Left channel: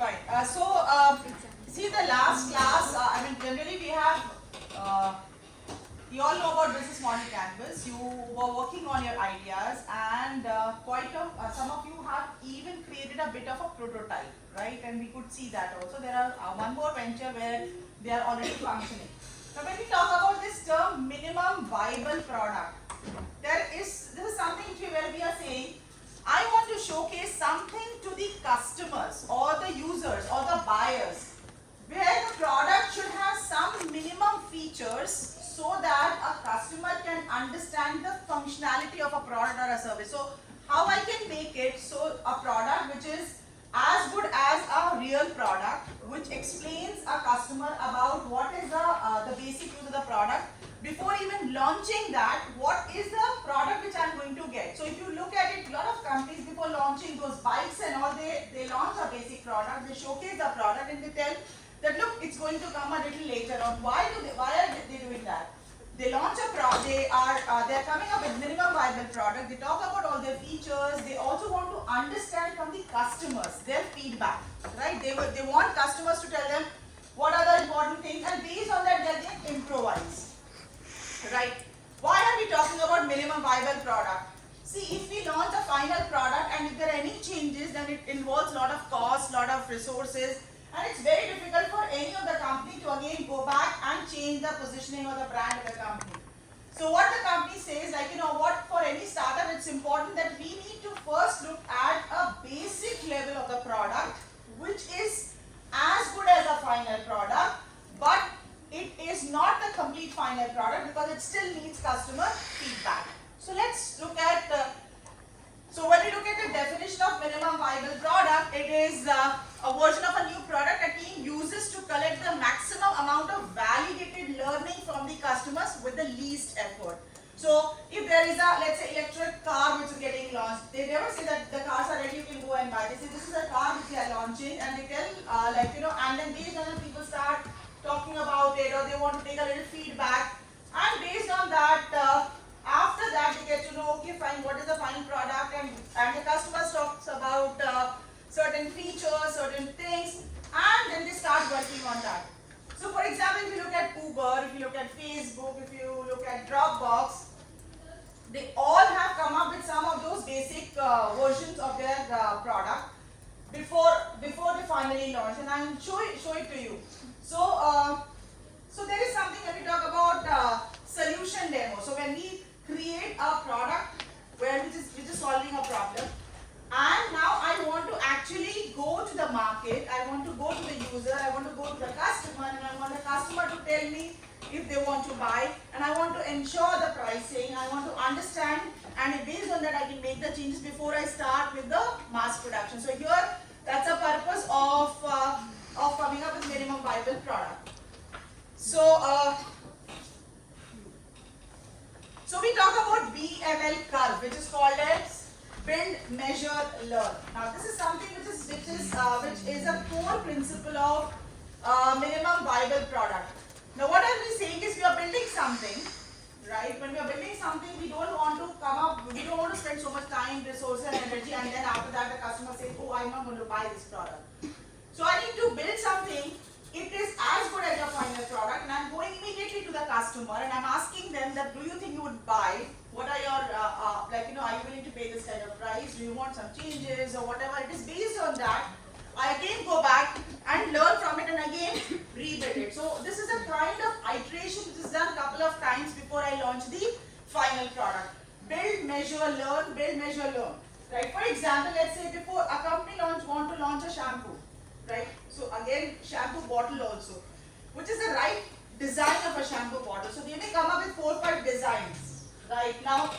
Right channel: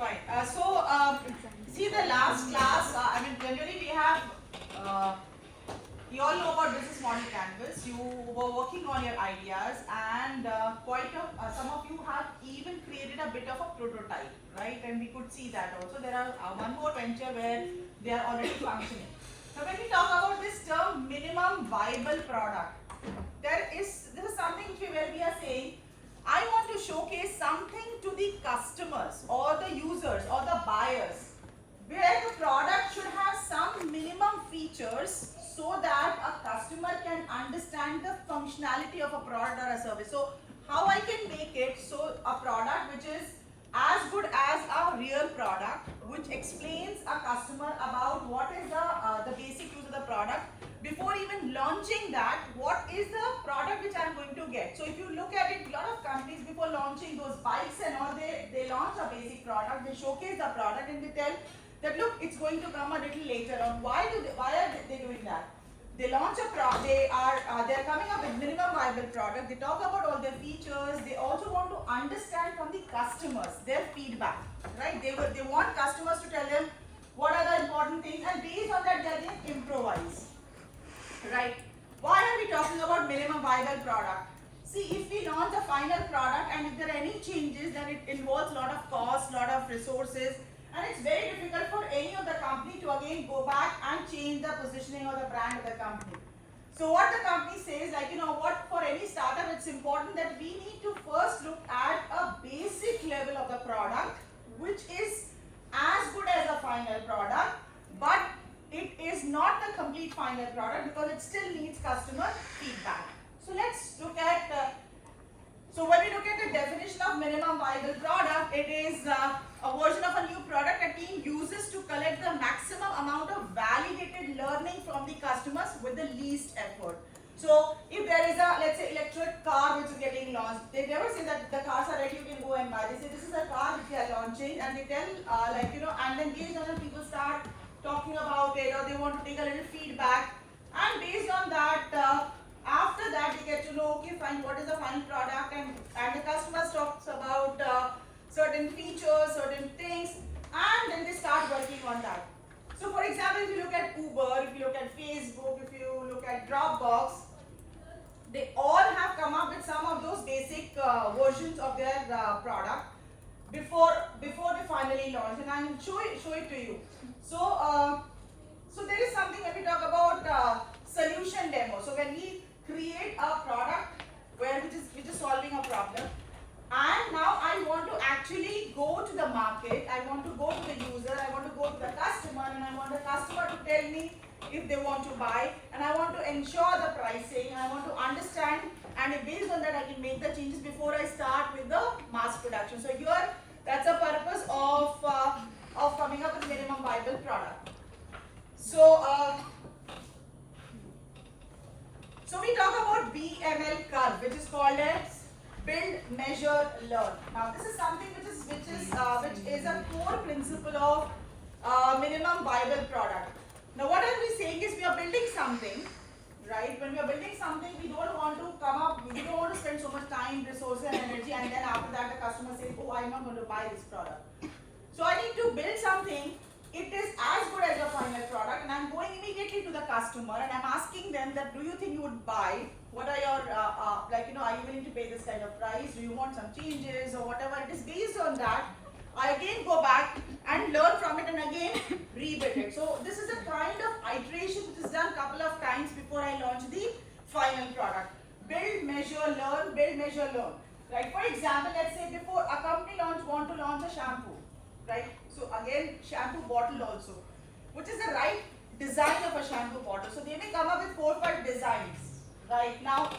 Fine. See the last class, generally we have, you all know about business model canvas. You were working on your ideas and some of you have even created a bit of a prototype, right? And we could see that also. There are one more venture where they are already functioning. Now when we talk about this term minimum viable product, this is something where we are saying, I want to showcase something to the customers or the users or the buyers where the product should have some minimum features so that a customer can understand the functionality of a product or a service. So how I can make it so a product which is as good as a real product, which explains a customer about what is the basic use of the product. Before even launching that, what is the product which I am going to get? So if you look at it, a lot of companies before launching those bikes and all, they launch a basic product, they showcase the product and they tell that look, it's going to come a little later on. Why are they doing that? They launch a product, they're coming up with minimum viable product, they talk about all their features, they also want to understand from the customers, their feedback, right? They want customers to tell them what are the important things, and based on that they can improvise. Right? Why are we talking about minimum viable product? See, if we launch a final product and if there are any changes, then it involves a lot of cost, lot of resources, and it's very difficult for any of the company to again go back and change the positioning or the brand of the company. So what the company says, like, what for any startup, it's important that we need to first look at a basic level of the product, which is as good as a final product, but it is not the complete final product because it still needs customer feedback. So let's look at, so when we look at the definition of minimum viable product, it is a version of a new product that team uses to collect the maximum amount of validated learning from the customers with the least effort. So if there is a, let's say, electric car which is getting launched, they never say that the cars are ready, you can go and buy. They say this is a car which they are launching, and they tell and then based on it, people start talking about it, or they want to take a little feedback, and based on that, after that they get to know, okay fine, what is the final product, and the customers talks about certain features, certain things, and then they start working on that. So for example, if you look at Uber, if you look at Facebook, if you look at Dropbox, they all have come up with some of those basic versions of their product before they finally launch, and I will show it to you. So there is something when we talk about solution demo. So when we create a product which is solving a problem, and now I want to actually go to the market, I want to go to the user, I want to go to the customer, and I want the customer to tell me if they want to buy, and I want to ensure the pricing, I want to understand, and based on that I can make the changes before I start with the mass production. So here, that's a purpose of coming up with minimum viable product. So we talk about BML curve, which is called as build, measure, learn. Now this is something which is a core principle of minimum viable product. Now what are we saying is we are building something, right? When we are building something, we don't want to spend so much time, resources and energy, and then after that the customer says, oh, I'm not going to buy this product. So I need to build something, it is as good as your final product, and I'm going immediately to the customer and I'm asking them that, do you think you would buy? What are your, are you willing to pay this kind of price? Do you want some changes or whatever? It is based on that. I again go back and learn from it and again rebuild it. So this is a kind of iteration which is done a couple of times before I launch the final product. Build, measure, learn, build, measure, learn. Right? For example, let's say before a company want to launch a shampoo. Right? So again, shampoo bottle also, which is the right design of a shampoo bottle. So they may come up with 4 or 5 designs. Right? Now,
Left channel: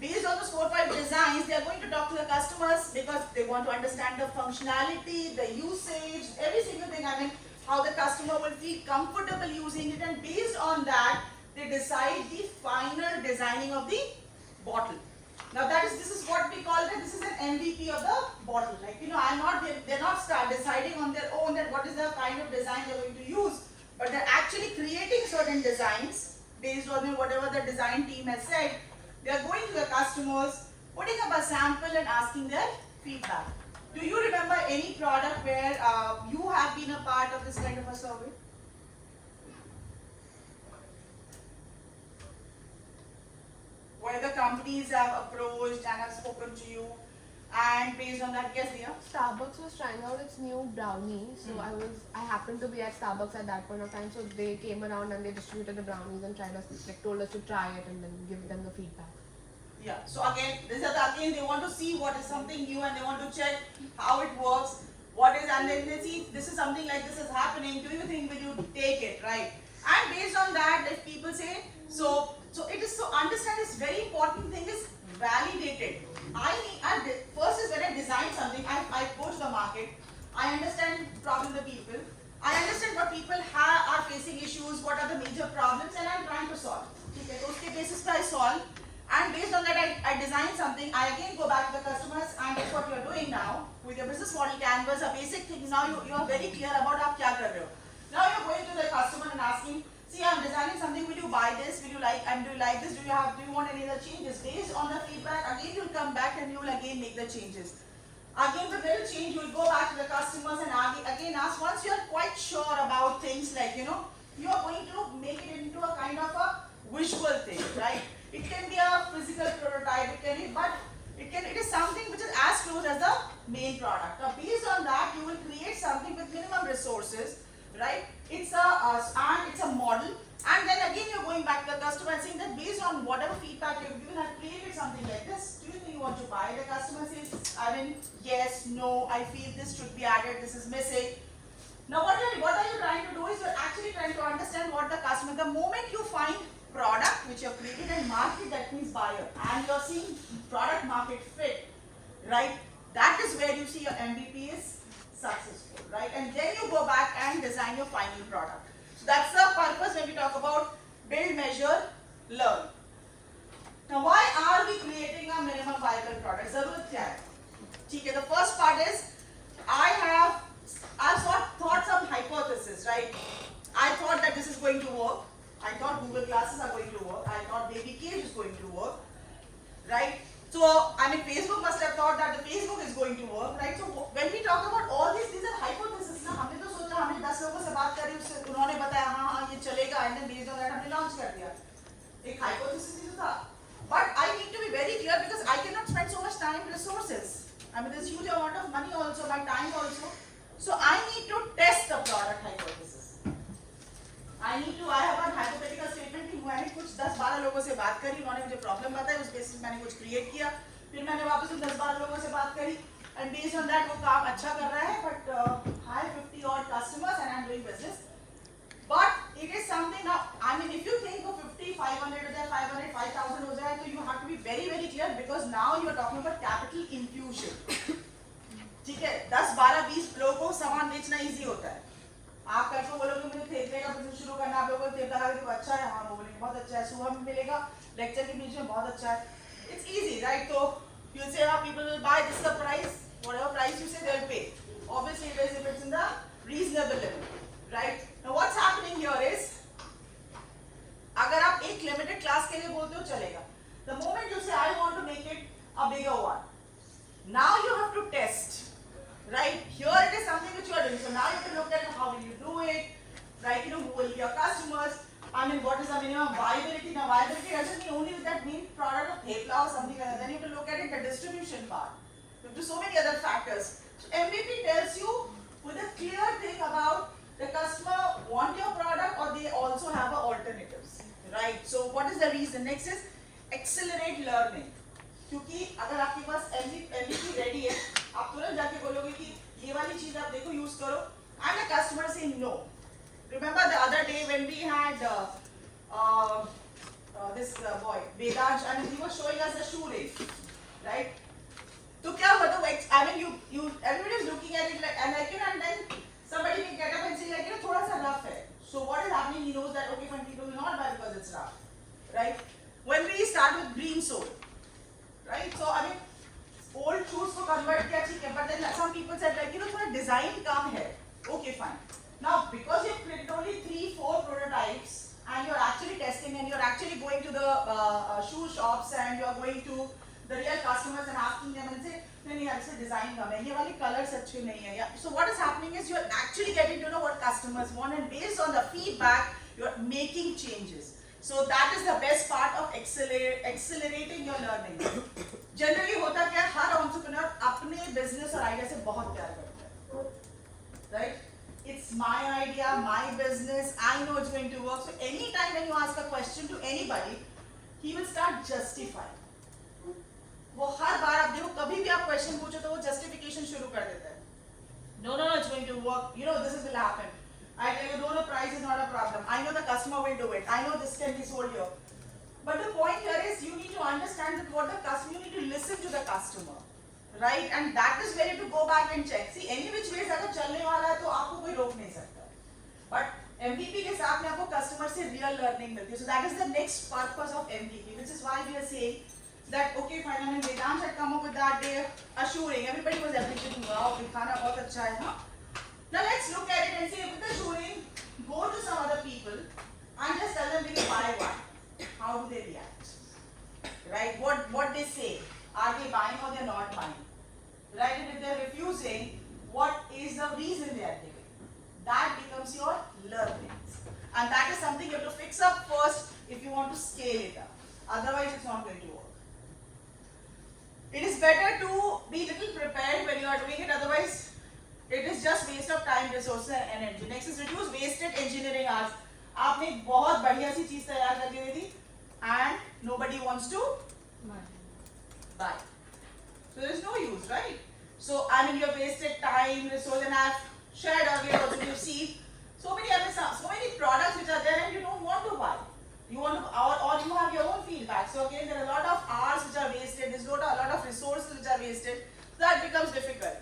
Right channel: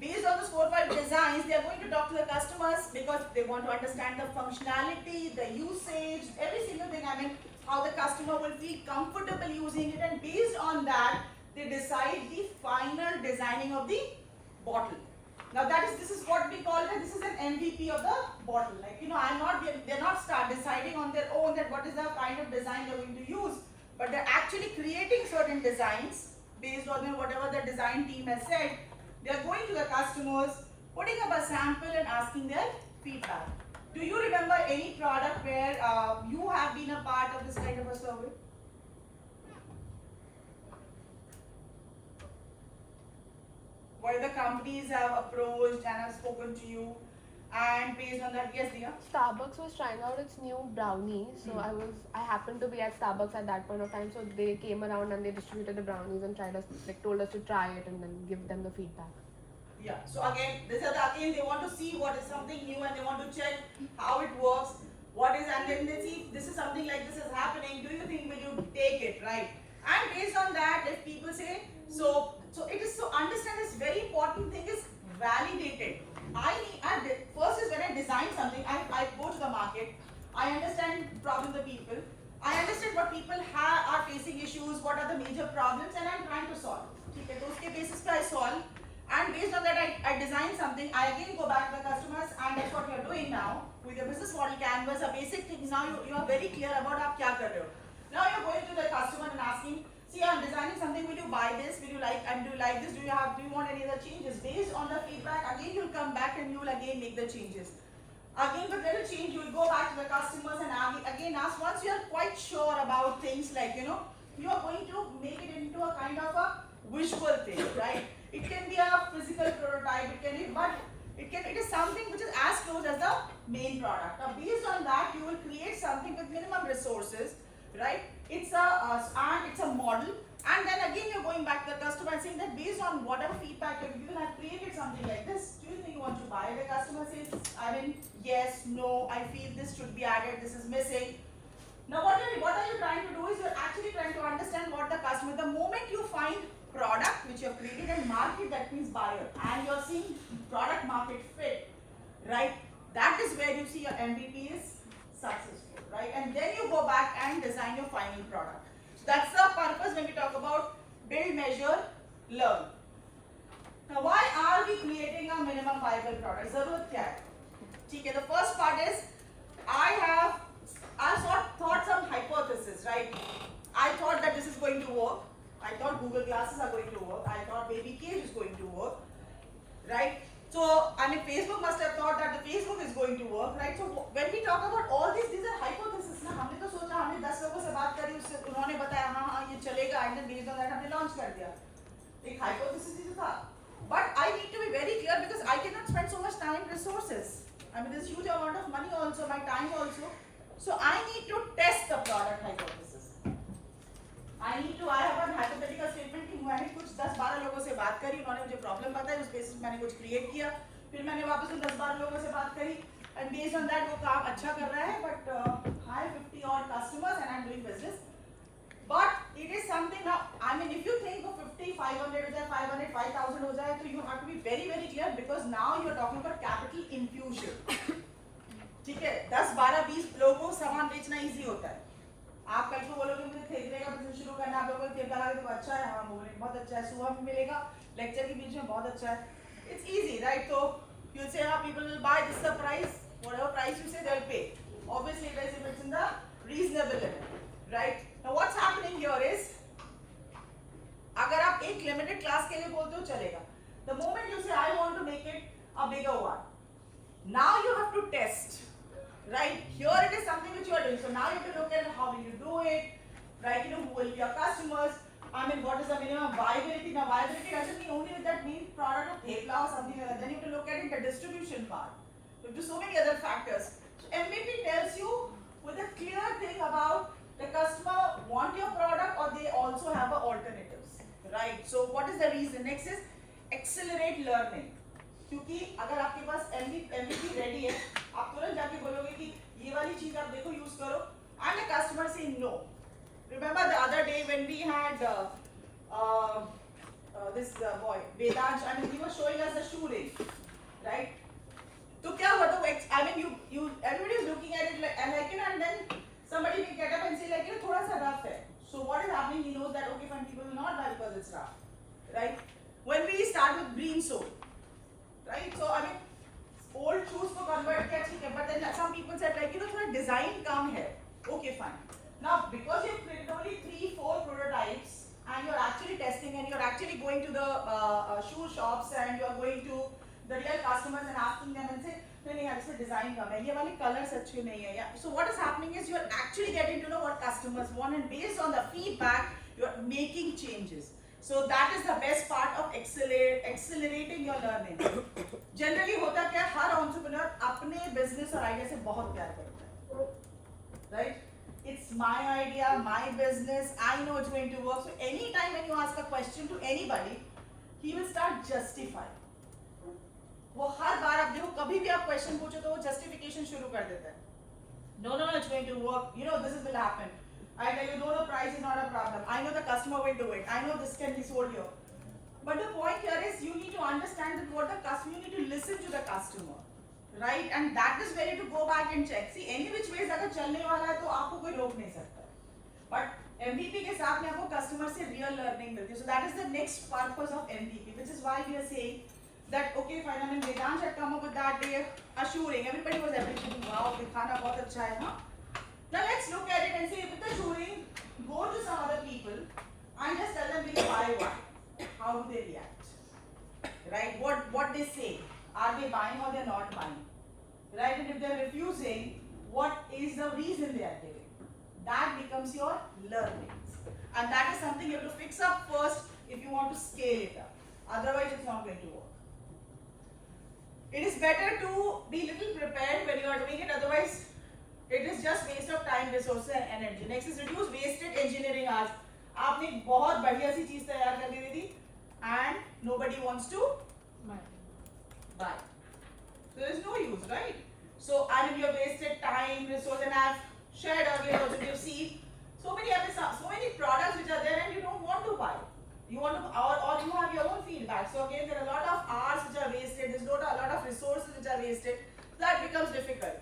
based on those 4 or 5 designs, they are going to talk to the customers because they want to understand the functionality, the usage, every single thing. I mean, how the customer will feel comfortable using it, and based on that, they decide the final designing of the bottle. Now this is what we call it. This is an MVP of the bottle. Like, they're not start deciding on their own that what is the kind of design they're going to use, but they're actually creating certain designs based on whatever the design team has said. They are going to the customers, putting up a sample and asking their feedback. Do you remember any product where you have been a part of this kind of a survey? Where the companies have approached and have spoken to you, and based on that, yes, Diya? Starbucks was trying out its new brownie, so I happened to be at Starbucks at that point of time. So they came around and they distributed the brownies and told us to try it and then give them the feedback. Yeah. So again, they want to see what is something new and they want to check how it works. What is, and then they see this is something like this is happening. Do you think will you take it, right? And based on that, if people say so it is, so understand this very important thing is validated. First is when I design something, I go to the market, I understand problem the people, I understand what people are facing issues, what are the major problems, and I'm trying to solve. Okay, those basis I solve, and based on that I design something. I again go back to the customers, and that's what you're doing now with your business model canvas. A basic things now you are very clear about आप क्या कर रहे हो. Now you're going to the customer and asking, see, I'm designing something, will you buy this, will you like, and do you like this, do you want any other changes? Based on the feedback, again you'll come back and you will again make the changes. Again with little change, you will go back to the customers and again ask, once you are quite sure about things like, you are going to make it into a kind of a visual thing, right? It can be a physical prototype, it can be, but it is something which is as close as the main product. Now based on that, you will create something with minimum resources, right? It's a model, and then again you're going back to the customer and saying that based on whatever feedback you've given, I've created something like this. Do you think you want to buy? The customer says, yes, no, I feel this should be added, this is missing. Now what are you trying to do is you're actually trying to understand what the customer, the moment you find product which you have created and market, that means buyer, and you're seeing product market fit, right? That is where you see your MVP is successful, right? And then you go back and design your final product. So that's the purpose when we talk about build, measure, learn. Now why are we creating a minimum viable product? Zarurat kya hai? Okay, the first part is I've thought some hypothesis, right? I thought that this is going to work. I thought Google Glasses are going to work. I thought baby cage is going to work, right? So, Facebook must have thought that the Facebook is going to work, right? So, when we talk about all these are hypotheses. ना हमने तो सोचा, हमने 10 लोगों से बात करी, उससे उन्होंने बताया हाँ ये चलेगा, and then based on that हमने launch कर दिया. एक hypothesis ही तो था. But I need to be very clear because I cannot spend so much time, resources. There's huge amount of money also, my time also. So, I need to test the product hypothesis. I have one hypothetical statement कि मैंने कुछ 10-12 लोगों से बात करी, उन्होंने मुझे problem बताई, उस बेसिस मैंने कुछ क्रिएट किया, फिर मैंने वापस उन 10-12 लोगों से बात करी, and based on that वो काम अच्छा कर रहा है, but I have 50 odd customers and I'm doing business. But it is something now, if you think of 50, 500 हो जाए, 500, 5,000 हो जाए, तो you have to be very very clear because now you are talking about capital infusion. ठीक है, 10, 12, 20 लोगों को सामान बेचना easy होता है. आप कल को बोलोगे मुझे थेपले का बिजनेस शुरू करना, आप लोगों को थेपला खाके देखो अच्छा है, हाँ बोलेंगे बहुत अच्छा है, सुबह में मिलेगा, लेक्चर के बीच में बहुत अच्छा है. It's easy, right? So you'll say, people will buy, this is the price, whatever price you say they'll pay. Obviously it is if it's in the reasonable level, right? Now what's happening here is, अगर आप एक limited class के लिए बोलते हो चलेगा. The moment you say I want to make it a bigger one, now you have to test. Right? Here it is something which you are doing. So now you have to look at how will you do it, right? Who will be your customers? What is the minimum viability? Now viability doesn't mean only with that main product of thepla or something like that. Then you have to look at it, the distribution part. You have to so many other factors. So MVP tells you with a clear thing about the customer want your product or they also have alternatives, right? So what is the reason? Next is accelerate learning. क्योंकि अगर आपके पास MVP ready है, आप तुरंत जाके बोलोगे कि ये वाली चीज आप देखो यूज करो, and the customer saying no. Remember the other day when we had this boy Vedansh, he was showing us the shoe race, right? तो क्या हुआ था? You everybody is looking at it and then somebody will get up and say थोड़ा सा rough है. So what is happening? He knows that okay, fine, people will not buy because it's rough, right? When we start with green sole. Right? So old shoes को convert किया ठीक है, but then some people said थोड़ा design कम है. Okay, fine. Now because you've created only 3-4 prototypes and you're actually testing and you're actually going to the shoe shops and you're going to the real customers and asking them and say नहीं यार इसे design कम है, ये वाले colours अच्छे नहीं है यार. So what is happening is you're actually getting to know what customers want, and based on the feedback you're making changes. So that is the best part of accelerating your learning. Generally होता क्या, हर entrepreneur अपने business और idea से बहुत प्यार करता है, right? It's my idea, my business, I know it's going to work. So anytime when you ask a question to anybody, he will start justifying. वो हर बार आप देखो, कभी भी आप क्वेश्चन पूछो तो वो जस्टिफिकेशन शुरू कर देता है. No, no, no, it's going to work. You know, this will happen. I tell you, no, no, price is not a problem. I know the customer will do it. I know this can be sold here. But the point here is you need to understand that what the customer, you need to listen to the customer, right? And that is where you have to go back and check. See, any which ways अगर चलने वाला है तो आपको कोई रोक नहीं सकता. But MVP के साथ में आपको customer से real learning मिलती है. So that is the next purpose of MVP, which is why we are saying that okay fine, I mean Vedant had come up with that day assuring. Everybody was appreciating, wow, दिखाना बहुत अच्छा है, हाँ. Now let's look at it and say with the assuring, go to some other people and just tell them will you buy one? How do they react? Right? What they say? Are they buying or they are not buying? Right? And if they are refusing, what is the reason they are giving? That becomes your learnings, and that is something you have to fix up first if you want to scale it up. Otherwise, it's not going to work. It is better to be little prepared when you are doing it, otherwise it is just waste of time, resources and energy. Next is reduce wasted engineering hours. आपने एक बहुत बढ़िया सी चीज तैयार कर दी थी and nobody wants to buy. So there is no use, right? So I mean you have wasted time, resource, and I have shared earlier also you have seen so many products which are there and you don't want to buy. You want to, or you have your own feedback. So again, there are a lot of hours which are wasted. There's a lot of resources which are wasted. So that becomes difficult.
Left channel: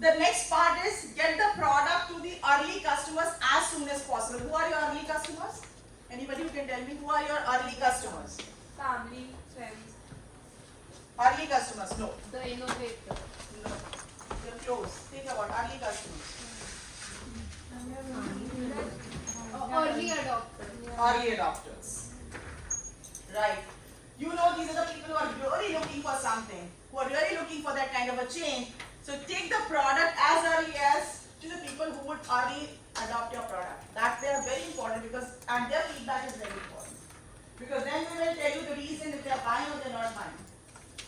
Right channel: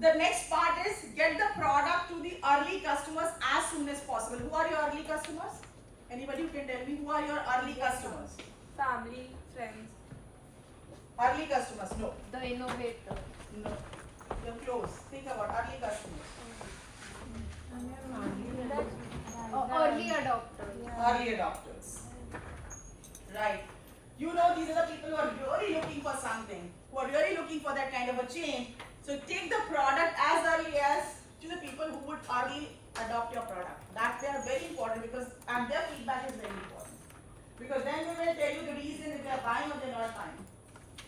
The next part is get the product to the early customers as soon as possible. Who are your early customers? Anybody who can tell me who are your early customers? Family, friends. Early customers, no. The innovator. No. They're close. Think about early customers. Early adopter. Early adopters. Right. You know these are the people who are really looking for something, who are really looking for that kind of a change. So take the product as early as to the people who would early adopt your product. That they are very important because and their feedback is very important. Because then they will tell you the reason if they are buying or they are not buying.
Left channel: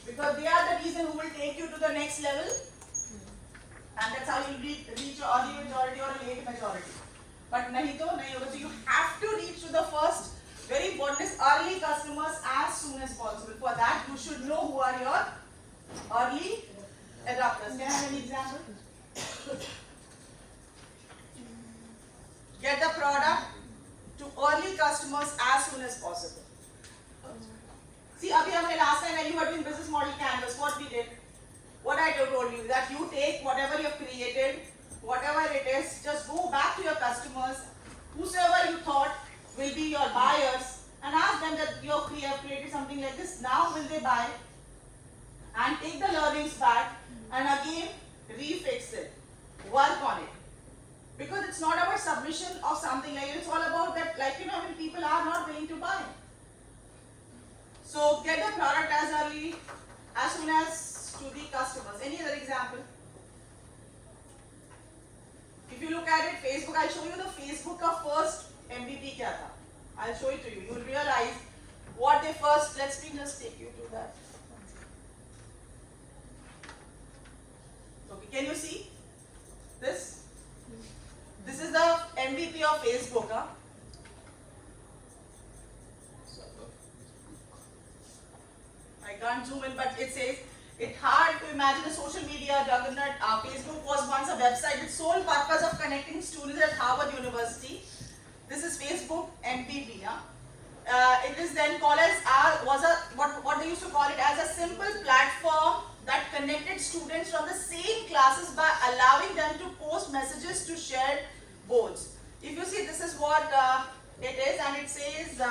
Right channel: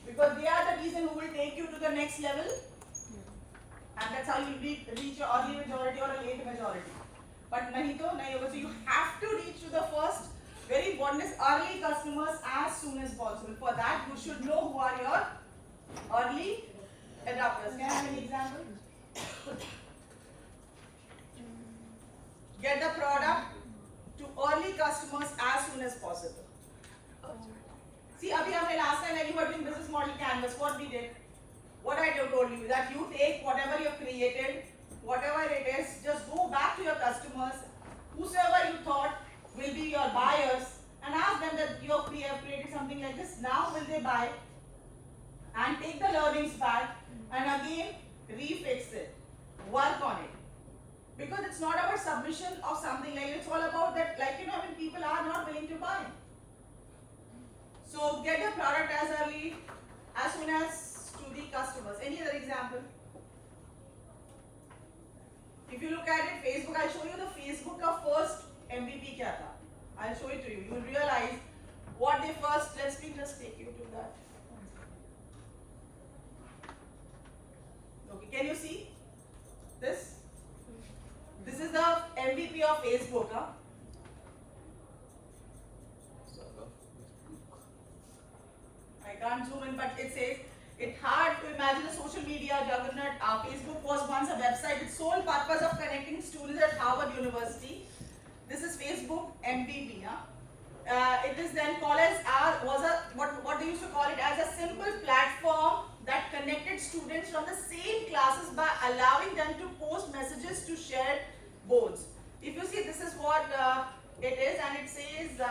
Because they are the reason who will take you to the next level. And that's how you reach your early majority or a late majority. But nahi to nahi hoga. So you have to reach to the first. Very important is early customers as soon as possible. For that, you should know who are your early adopters. Can I have an example? Get the product to early customers as soon as possible. See, abhi humne last time when you were doing business model canvas, what we did? What I told you that you take whatever you have created, whatever it is, just go back to your customers, whosoever you thought will be your buyers, and ask them that you have created something like this. Now will they buy? And take the learnings back and again refix it, work on it. Because it's not about submission of something like it. It's all about that, like when people are not willing to buy. So get the product as soon as to the customers. Any other example? If you look at it, Facebook, I'll show you the Facebook of first MVP kya tha. I'll show it to you. You will realize what they first. Let's just take you to that. Okay, can you see this? This is the MVP of Facebook. Huh? I can't zoom in, but it says it's hard to imagine a social media juggernaut. Facebook was once a website with sole purpose of connecting students at Harvard University. This is Facebook MVP. It is then called as what they used to call it as a simple platform that connected students from the same classes by allowing them to post messages to shared boards. If you see, this is what it is, and it says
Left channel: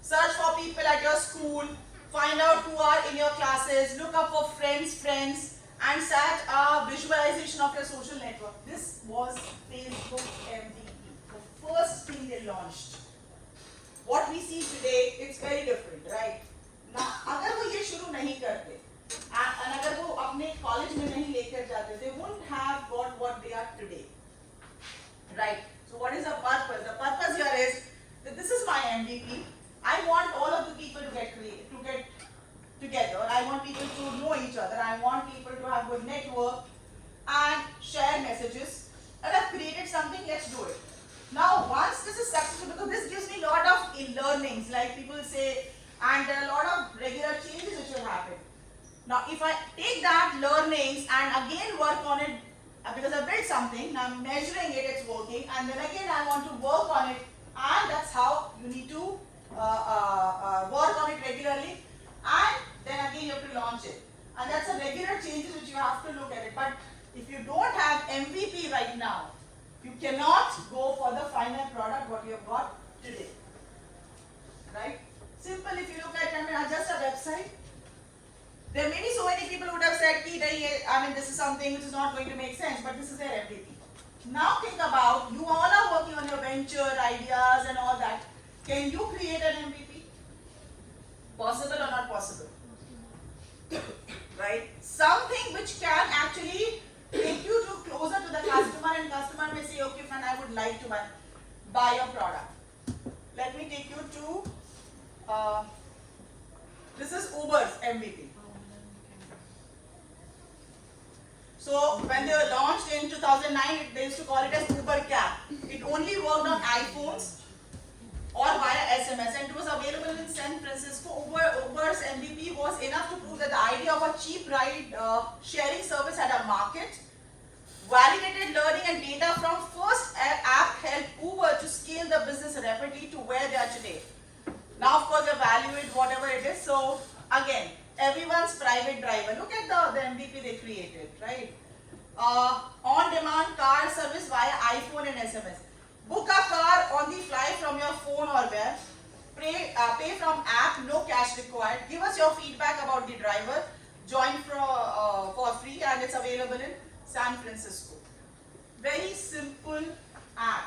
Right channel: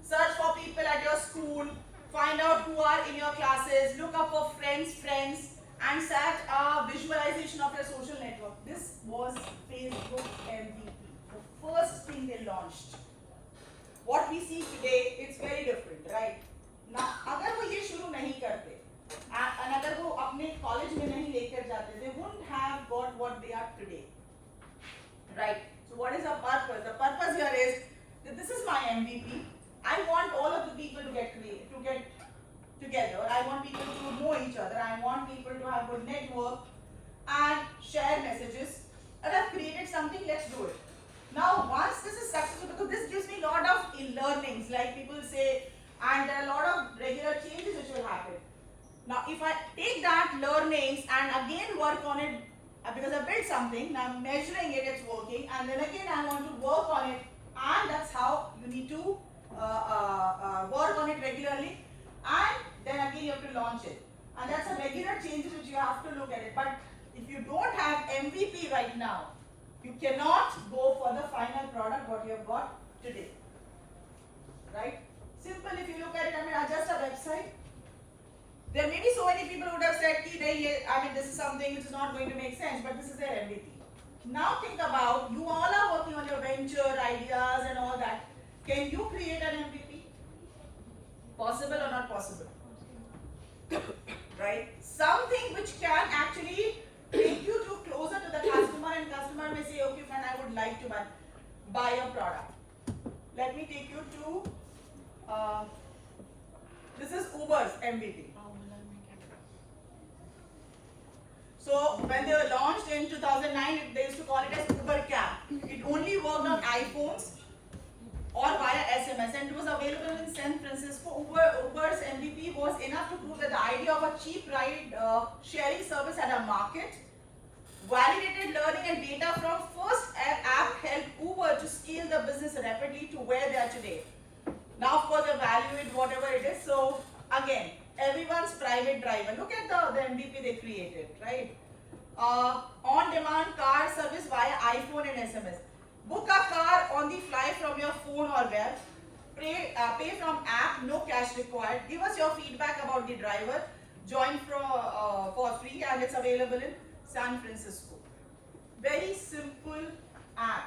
search for people at your school, find out who are in your classes, look up for friends, and set a visualization of your social network. This was Facebook MVP, the first thing they launched. What we see today, it's very different, right? Now, अगर वो ये शुरू नहीं करते, अगर वो अपने college में नहीं लेकर जाते, they wouldn't have got what they are today, right? So what is the purpose? The purpose here is that this is my MVP. I want all of the people to get together. I want people to know each other. I want people to have good network and share messages. And I've created something. Let's do it. Now, once this is successful, because this gives me a lot of learnings, like people say, and there are a lot of regular changes which will happen. Now, if I take that learnings and again work on it, because I built something, now I'm measuring it, it's working, and then again I want to work on it, and that's how you need to work on it regularly, and then again you have to launch it. And that's a regular changes which you have to look at it. But if you don't have MVP right now, you cannot go for the final product what you have got today. Right? Simple, if you look at it, I mean, just a website. There may be so many people who would have said, I mean, this is something which is not going to make sense, but this is their MVP. Now think about, you all are working on your venture, ideas and all that. Can you create an MVP? Possible or not possible? Right? Something which can actually take you to closer to the customer, and customer may say, okay, fine, I would like to buy your product. Let me take you to, this is Uber's MVP. So when they were launched in 2009, they used to call it as Uber Cab. It only worked on iPhones or via SMS, and it was available in San Francisco. Uber's MVP was enough to prove that the idea of a cheap ride sharing service had a market. Validated learning and data from first app helped Uber to scale the business rapidly to where they are today. Now, of course, evaluate whatever it is. So again, everyone's private driver. Look at the MVP they created, right? On-demand car service via iPhone and SMS. Book a car on the fly from your phone or web. Pay from app, no cash required. Give us your feedback about the driver. Join for free, and it's available in San Francisco. Very simple app.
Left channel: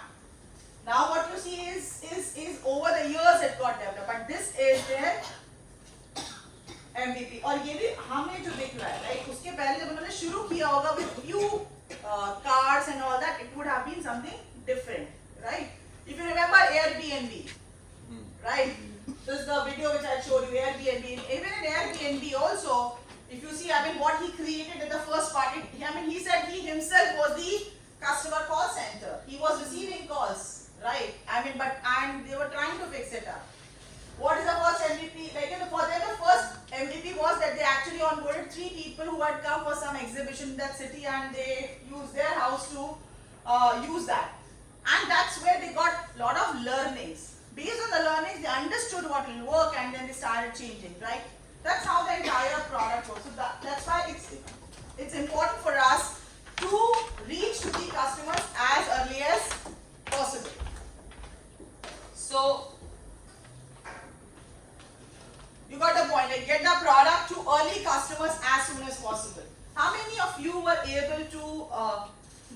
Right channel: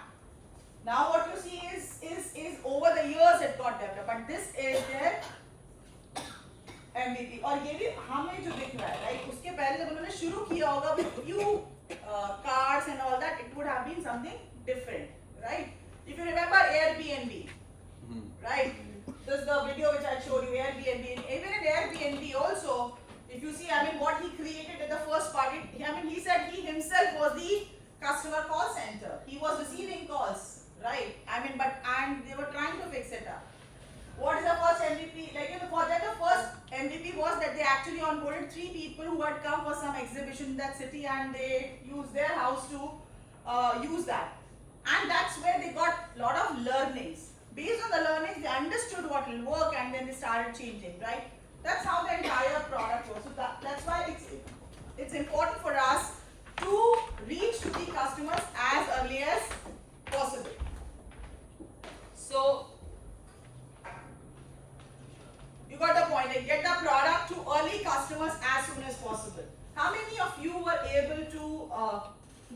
Now what you see is over the years it got developed, but this is their MVP. और ये भी हमें जो दिख रहा है, right? उसके पहले जब उन्होंने शुरू किया होगा with few cars and all that, it would have been something different, right? If you remember Airbnb, right? This is the video which I showed you, Airbnb. Even in Airbnb also, if you see, I mean, what he created at the first part, I mean, he said he himself was the customer call center. He was receiving calls, right? I mean, and they were trying to fix it up. What is the first MVP? Like, for them, the first MVP was that they actually onboarded 3 people who had come for some exhibition in that city, and they used their house to use that. And that's where they got a lot of learnings. Based on the learnings, they understood what will work, and then they started changing, right? That's how the entire product works. So that's why it's important for us to reach to the customers as early as possible. So you got the point, like get the product to early customers as soon as possible. How many of you were able to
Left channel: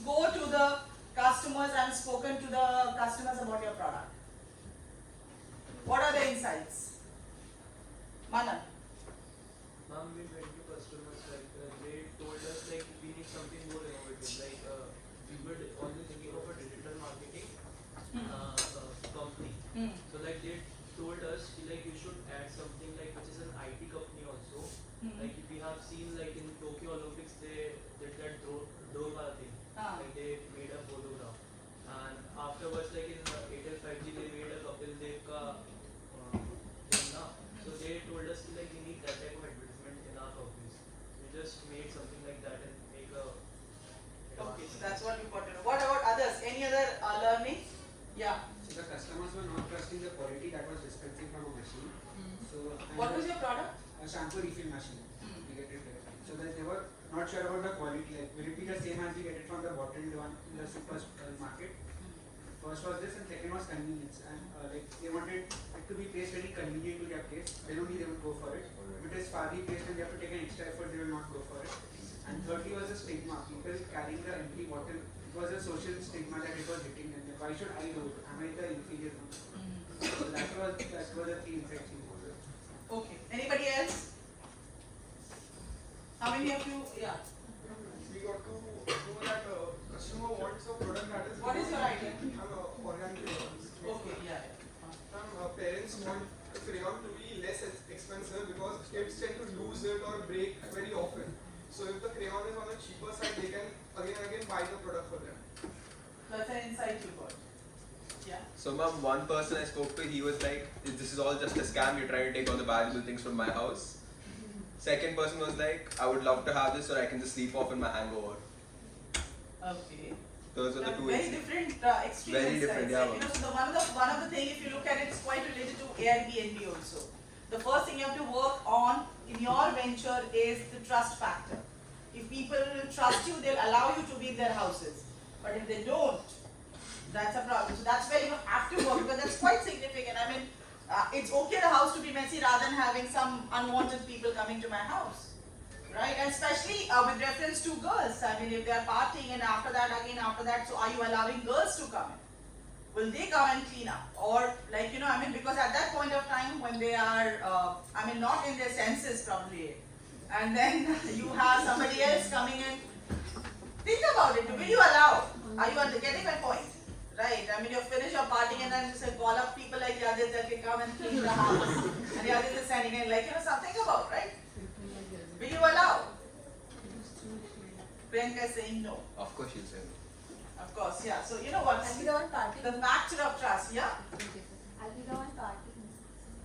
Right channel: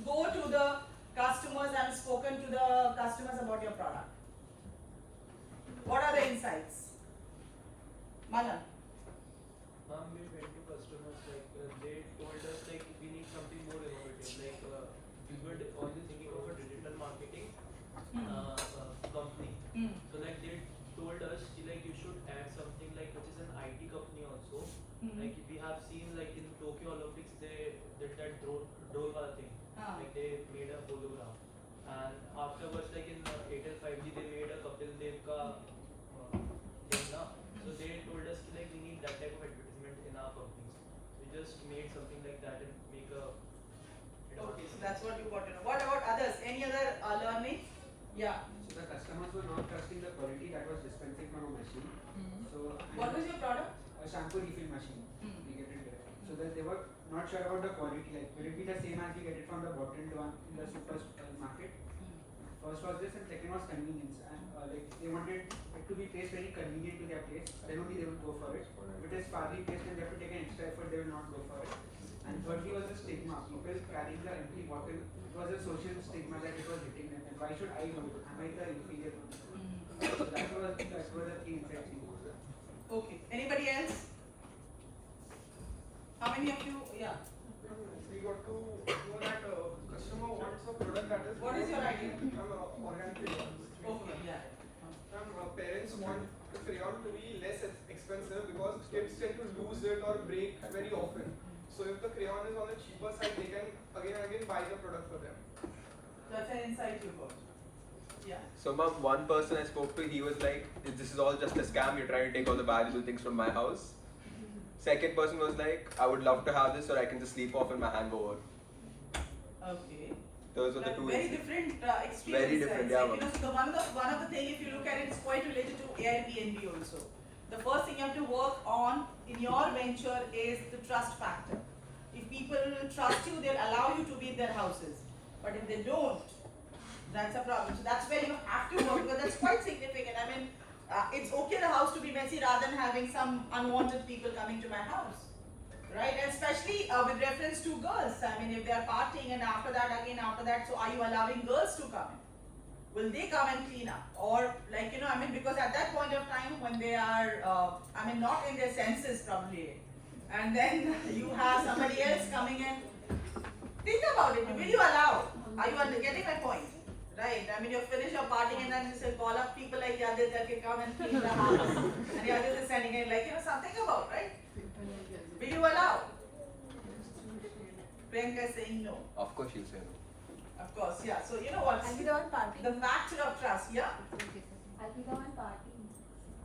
go to the customers and spoken to the customers about your product? What are the insights? Manan? Ma'am, we went to customers, like they told us like we need something more innovative. Like we were only thinking of a digital marketing company. So like they told us like you should add something like which is an IT company also. Like if we have seen like in Tokyo Olympics they did that drone wala thing. Like they made a hologram. And afterwards like in Airtel 5G they made a Kapil Dev ka thing na. So they told us like we need that type of advertisement in our companies. We just made something like that and make a. Okay, so that's what you got to know. What about others? Any other learning? Yeah. So the customers were not trusting the quality that was dispensing from a machine. So What was your product? a shampoo refill machine. We get it there. So that they were not sure about the quality. Like will it be the same as we get it from the bottled one in the supermarket? First was this, and second was convenience. And like they wanted it to be placed very convenient to their place. Then only they would go for it. If it is farly placed and they have to take an extra effort, they will not go for it. And thirdly was the stigma. People carrying the empty bottle. It was a social stigma that it was hitting them. Why should I do it? Am I the inferior one? So that was the key insight. Okay. Anybody else? How many of you? Yeah. We got to know that customer wants a product that is. What is your idea? Organic crayons. Okay. Yeah. Parents want the crayon to be less expensive because kids tend to lose it or break very often. So if the crayon is on the cheaper side, they can again and again buy the product for them. That's an insight you got. Yeah. So, mom, one person I spoke to, he was like, "This is all just a scam. You're trying to take all the valuable things from my house." Second person was like, "I would love to have this, so I can just sleep off in my hangover." Okay. Those are the two. Very different extreme Very insights. different, yeah, Like, you know, so the one of the thing, if you look at it, it's quite related to Airbnb also. The first thing you have to work on in your venture is the trust factor. If people trust you, they'll allow you to be in their houses. But if they don't, that's a problem. So that's where you have to work, because that's quite significant. I mean, it's okay the house to be messy rather than having some unwanted people coming to my house. Right, and especially with reference to girls. I mean, if they are partying and after that, so are you allowing girls to come in? Will they come and clean up? Or like, you know, I mean, because at that point of time when they are, I mean, not in their senses probably, and then you have somebody else coming in. Think about it, will you allow? Are you getting my point? Right, I mean, you finish your partying and then you say, call up people like Yadid that can come and clean the house. And Yadid is sending in, like, you know, something about, right? Will you allow? Priyanka is saying no. Of course, she'll say no. Of course, yeah. So you know what? I'll be the one partying. The factor of trust, yeah. I'll be the one partying.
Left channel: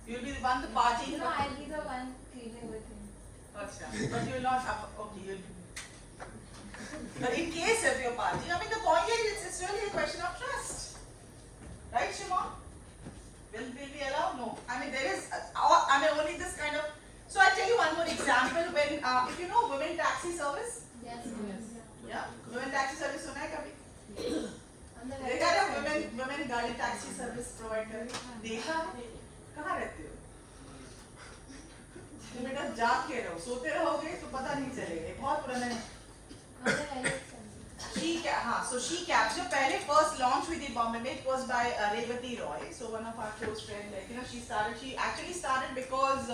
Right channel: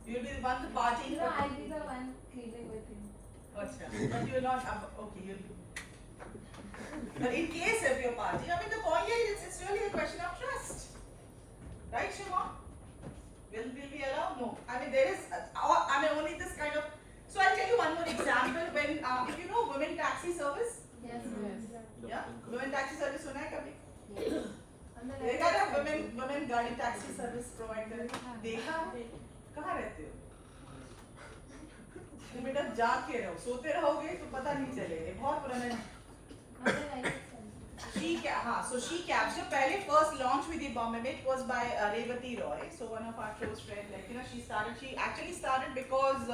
You'll be the one to party. No, I'll be the one cleaning with him. Achha. But you'll not have, okay, you'll. But in case of your party, I mean, the point is, it's really a question of trust. Right, Sharma? Will we allow? No. I mean, there is, I mean, only this kind of. So I'll tell you one more example. When, if you know women taxi service, Yes. yeah, women taxi service सुना है कभी? On the देखा ना women गाड़ी taxi service provide करे? देखा? कहाँ रहते हो? तुम बेटा जाग के रहो, सोते रहोगे तो पता नहीं चलेगा, बहुत पुराना है। On the right side. So she captured पहले first launch with the Bombay Made was by Revati Roy. So one of our close friends, like you know, she actually started because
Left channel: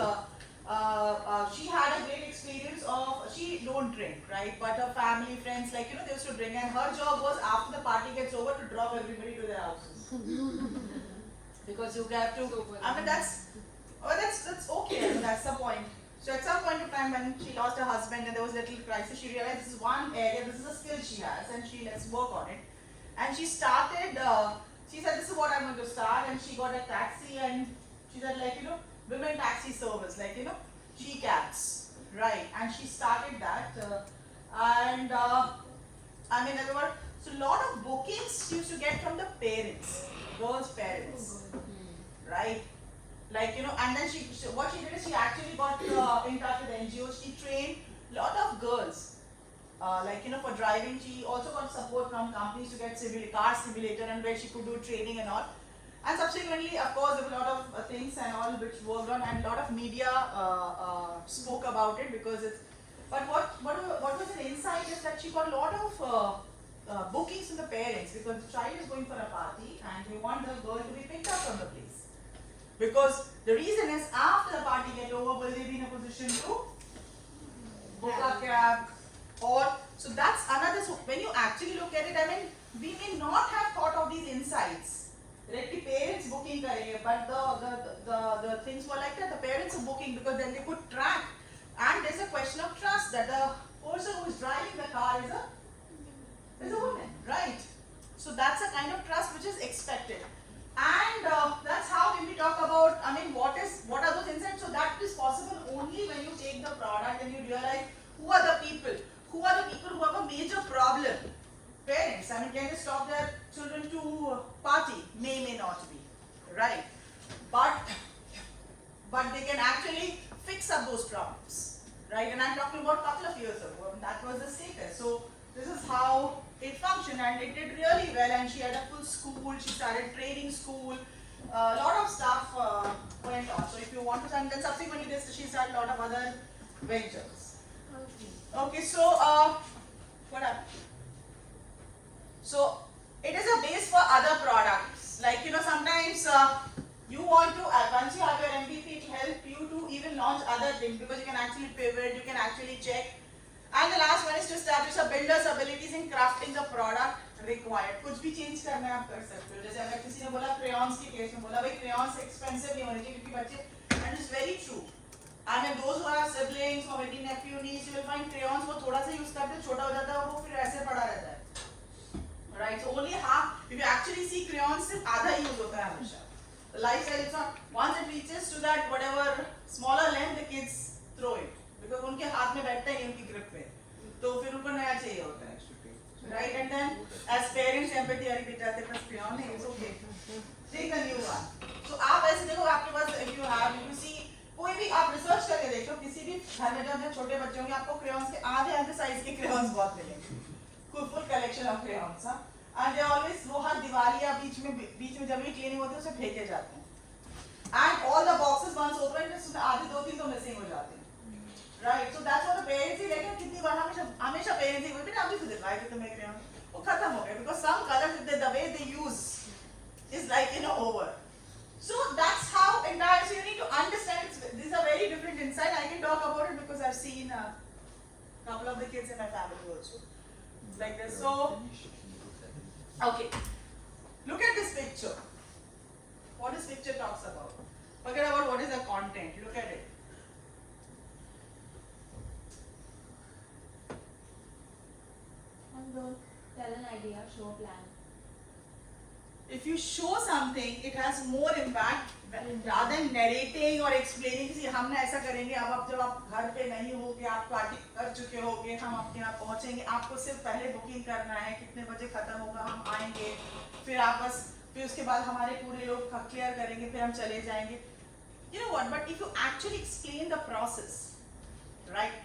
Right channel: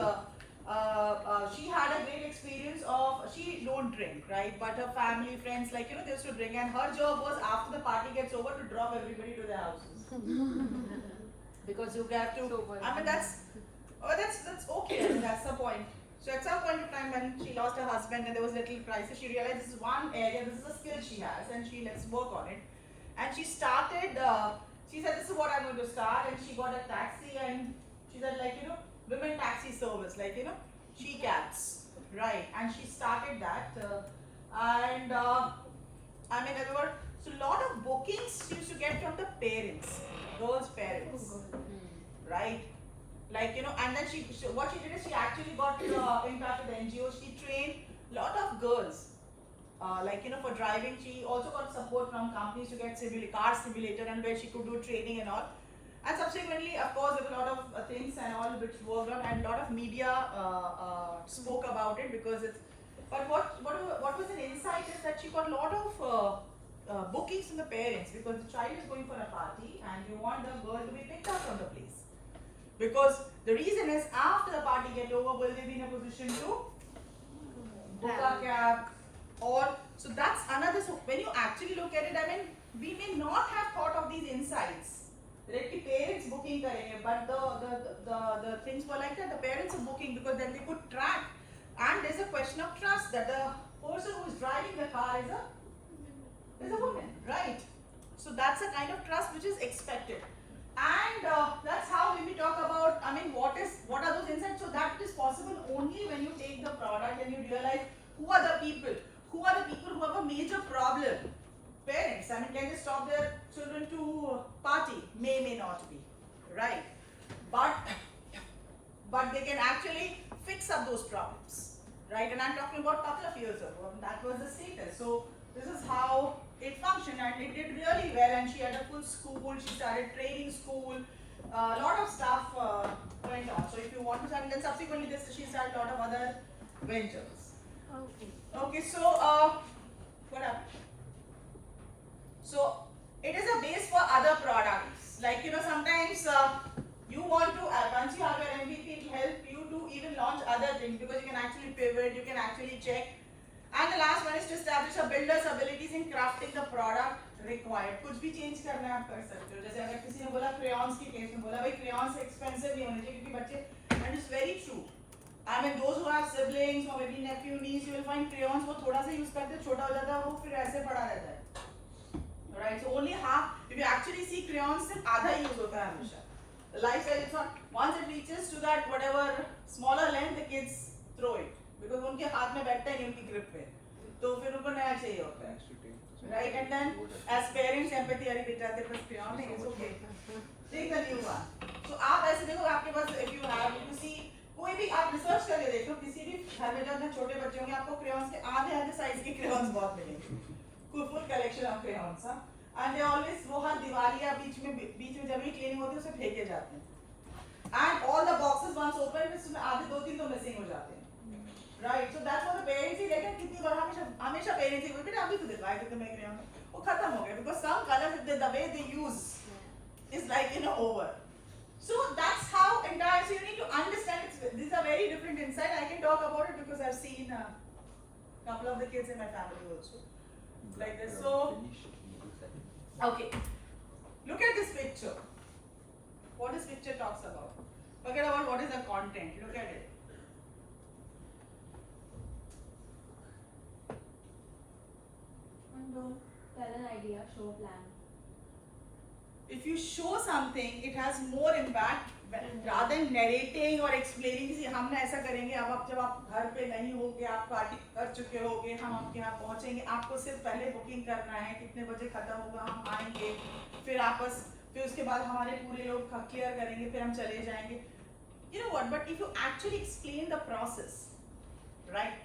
she had a great experience of, she don't drink, right? But her family, friends, like you know, they used to drink, and her job was after the party gets over to drop everybody to their houses. Because you have to, I mean that's okay, I mean, that's the point. So at some point of time when she lost her husband and there was a little crisis, she realized this is one area, this is a skill she has, and let's work on it. And she started, she said this is what I'm going to start, and she got a taxi, and she said like, you know, women taxi service, like, you know, she cabs, right? And she started that, I mean, there were, so a lot of bookings she used to get from the parents, girls' parents, right? Like, you know, and then what she did is she actually got in touch with the NGO. She trained a lot of girls, like, you know, for driving. She also got support from companies to get car simulator, and where she could do training and all. And subsequently, of course, there were a lot of things and all which worked on, and a lot of media spoke about it because it's. But what was an insight is that she got a lot of bookings from the parents, because the child is going for a party and you want the girl to be picked up from the place. Because the reason is, after the party gets over, will they be in a position to book a cab? Or, so that's another, so when you actually look at it, I mean, we may not have thought of these insights. Directly parents booking karenge, but the things were like that, the parents are booking because then they could track. And there's a question of trust that the person who is driving the car is a woman, right? So that's a kind of trust which is expected. And that's how when we talk about, I mean, what are those insights? So that is possible only when you take the product and you realize who are the people who have a major problem. Parents, I mean, can they stop their children to party? May not be, right? But they can actually fix up those problems, right? And I'm talking about a couple of years ago. That was the status. So this is how it functioned, and it did really well, and she had a full school, she started training school, a lot of stuff went on. So if you want to, and then subsequently she started a lot of other ventures. Okay, so what happened? So it is a base for other products. Like, you know, sometimes you want to, once you have your MVP, it will help you to even launch other things, because you can actually pivot, you can actually check. in crafting the product required. कुछ भी change करना है आप कर सकते हो. जैसे अगर किसी ने बोला crayons की case में बोला भाई crayons expensive नहीं होने चाहिए क्योंकि बच्चे, and it's very true. I mean those who have siblings or maybe nephew niece, you will find crayons वो थोड़ा सा use करते छोटा हो जाता है वो फिर ऐसे पड़ा रहता है. Right, so only half. If you actually see crayons, सिर्फ आधा use होता है हमेशा. The life size is not. Once it reaches to that whatever smaller length, the kids throw it because उनके हाथ में बैठता ही नहीं उनकी grip पे. तो फिर उनको नया चाहिए होता है. Right, and then as parents empathy अरे बेटा तेरे पास crayon है, it's okay. Take a new one. So आप ऐसे देखो आपके पास if you see कोई भी आप research करके देखो किसी भी घर में जब छोटे बच्चे होंगे आपको crayons के आधे size के crayons बहुत मिलेंगे. Full collection of crayons, हाँ. And they always वो हर दिवाली या बीच में जब भी cleaning होती है उसे फेंके जाते हैं. And all the boxes once open उसमें आधे 2-3 तो missing हो जाते हैं. Right, so that's what the parents ही लेकिन कितनी बार हमेशा parents ही बेटा अभी तो दिलवाए थे तुम्हें crayon वो खत्म हो गया because some colors the way they use is like over. So that's how entire. So you need to understand these are very different insight. I can talk about it because I've seen a couple of the kids in my family also like this. So okay, look at this picture. What this picture talks about. Forget about what is the content. Look at it. And don't tell an idea, show a plan. If you show something, it has more impact rather than narrating or explaining. कि हम ना ऐसा करेंगे अब जब आप घर पे नहीं होगे आप पार्टी कर चुके होगे हम आपके यहाँ पहुँचेंगे आपको सिर्फ पहले बुकिंग करना है कितने बजे खत्म होगा हम आएंगे फिर उसके बाद हमारे पूरे लोग क्लियर करेंगे फिर हम चले जाएंगे. You know what? But if you actually explain the process, right?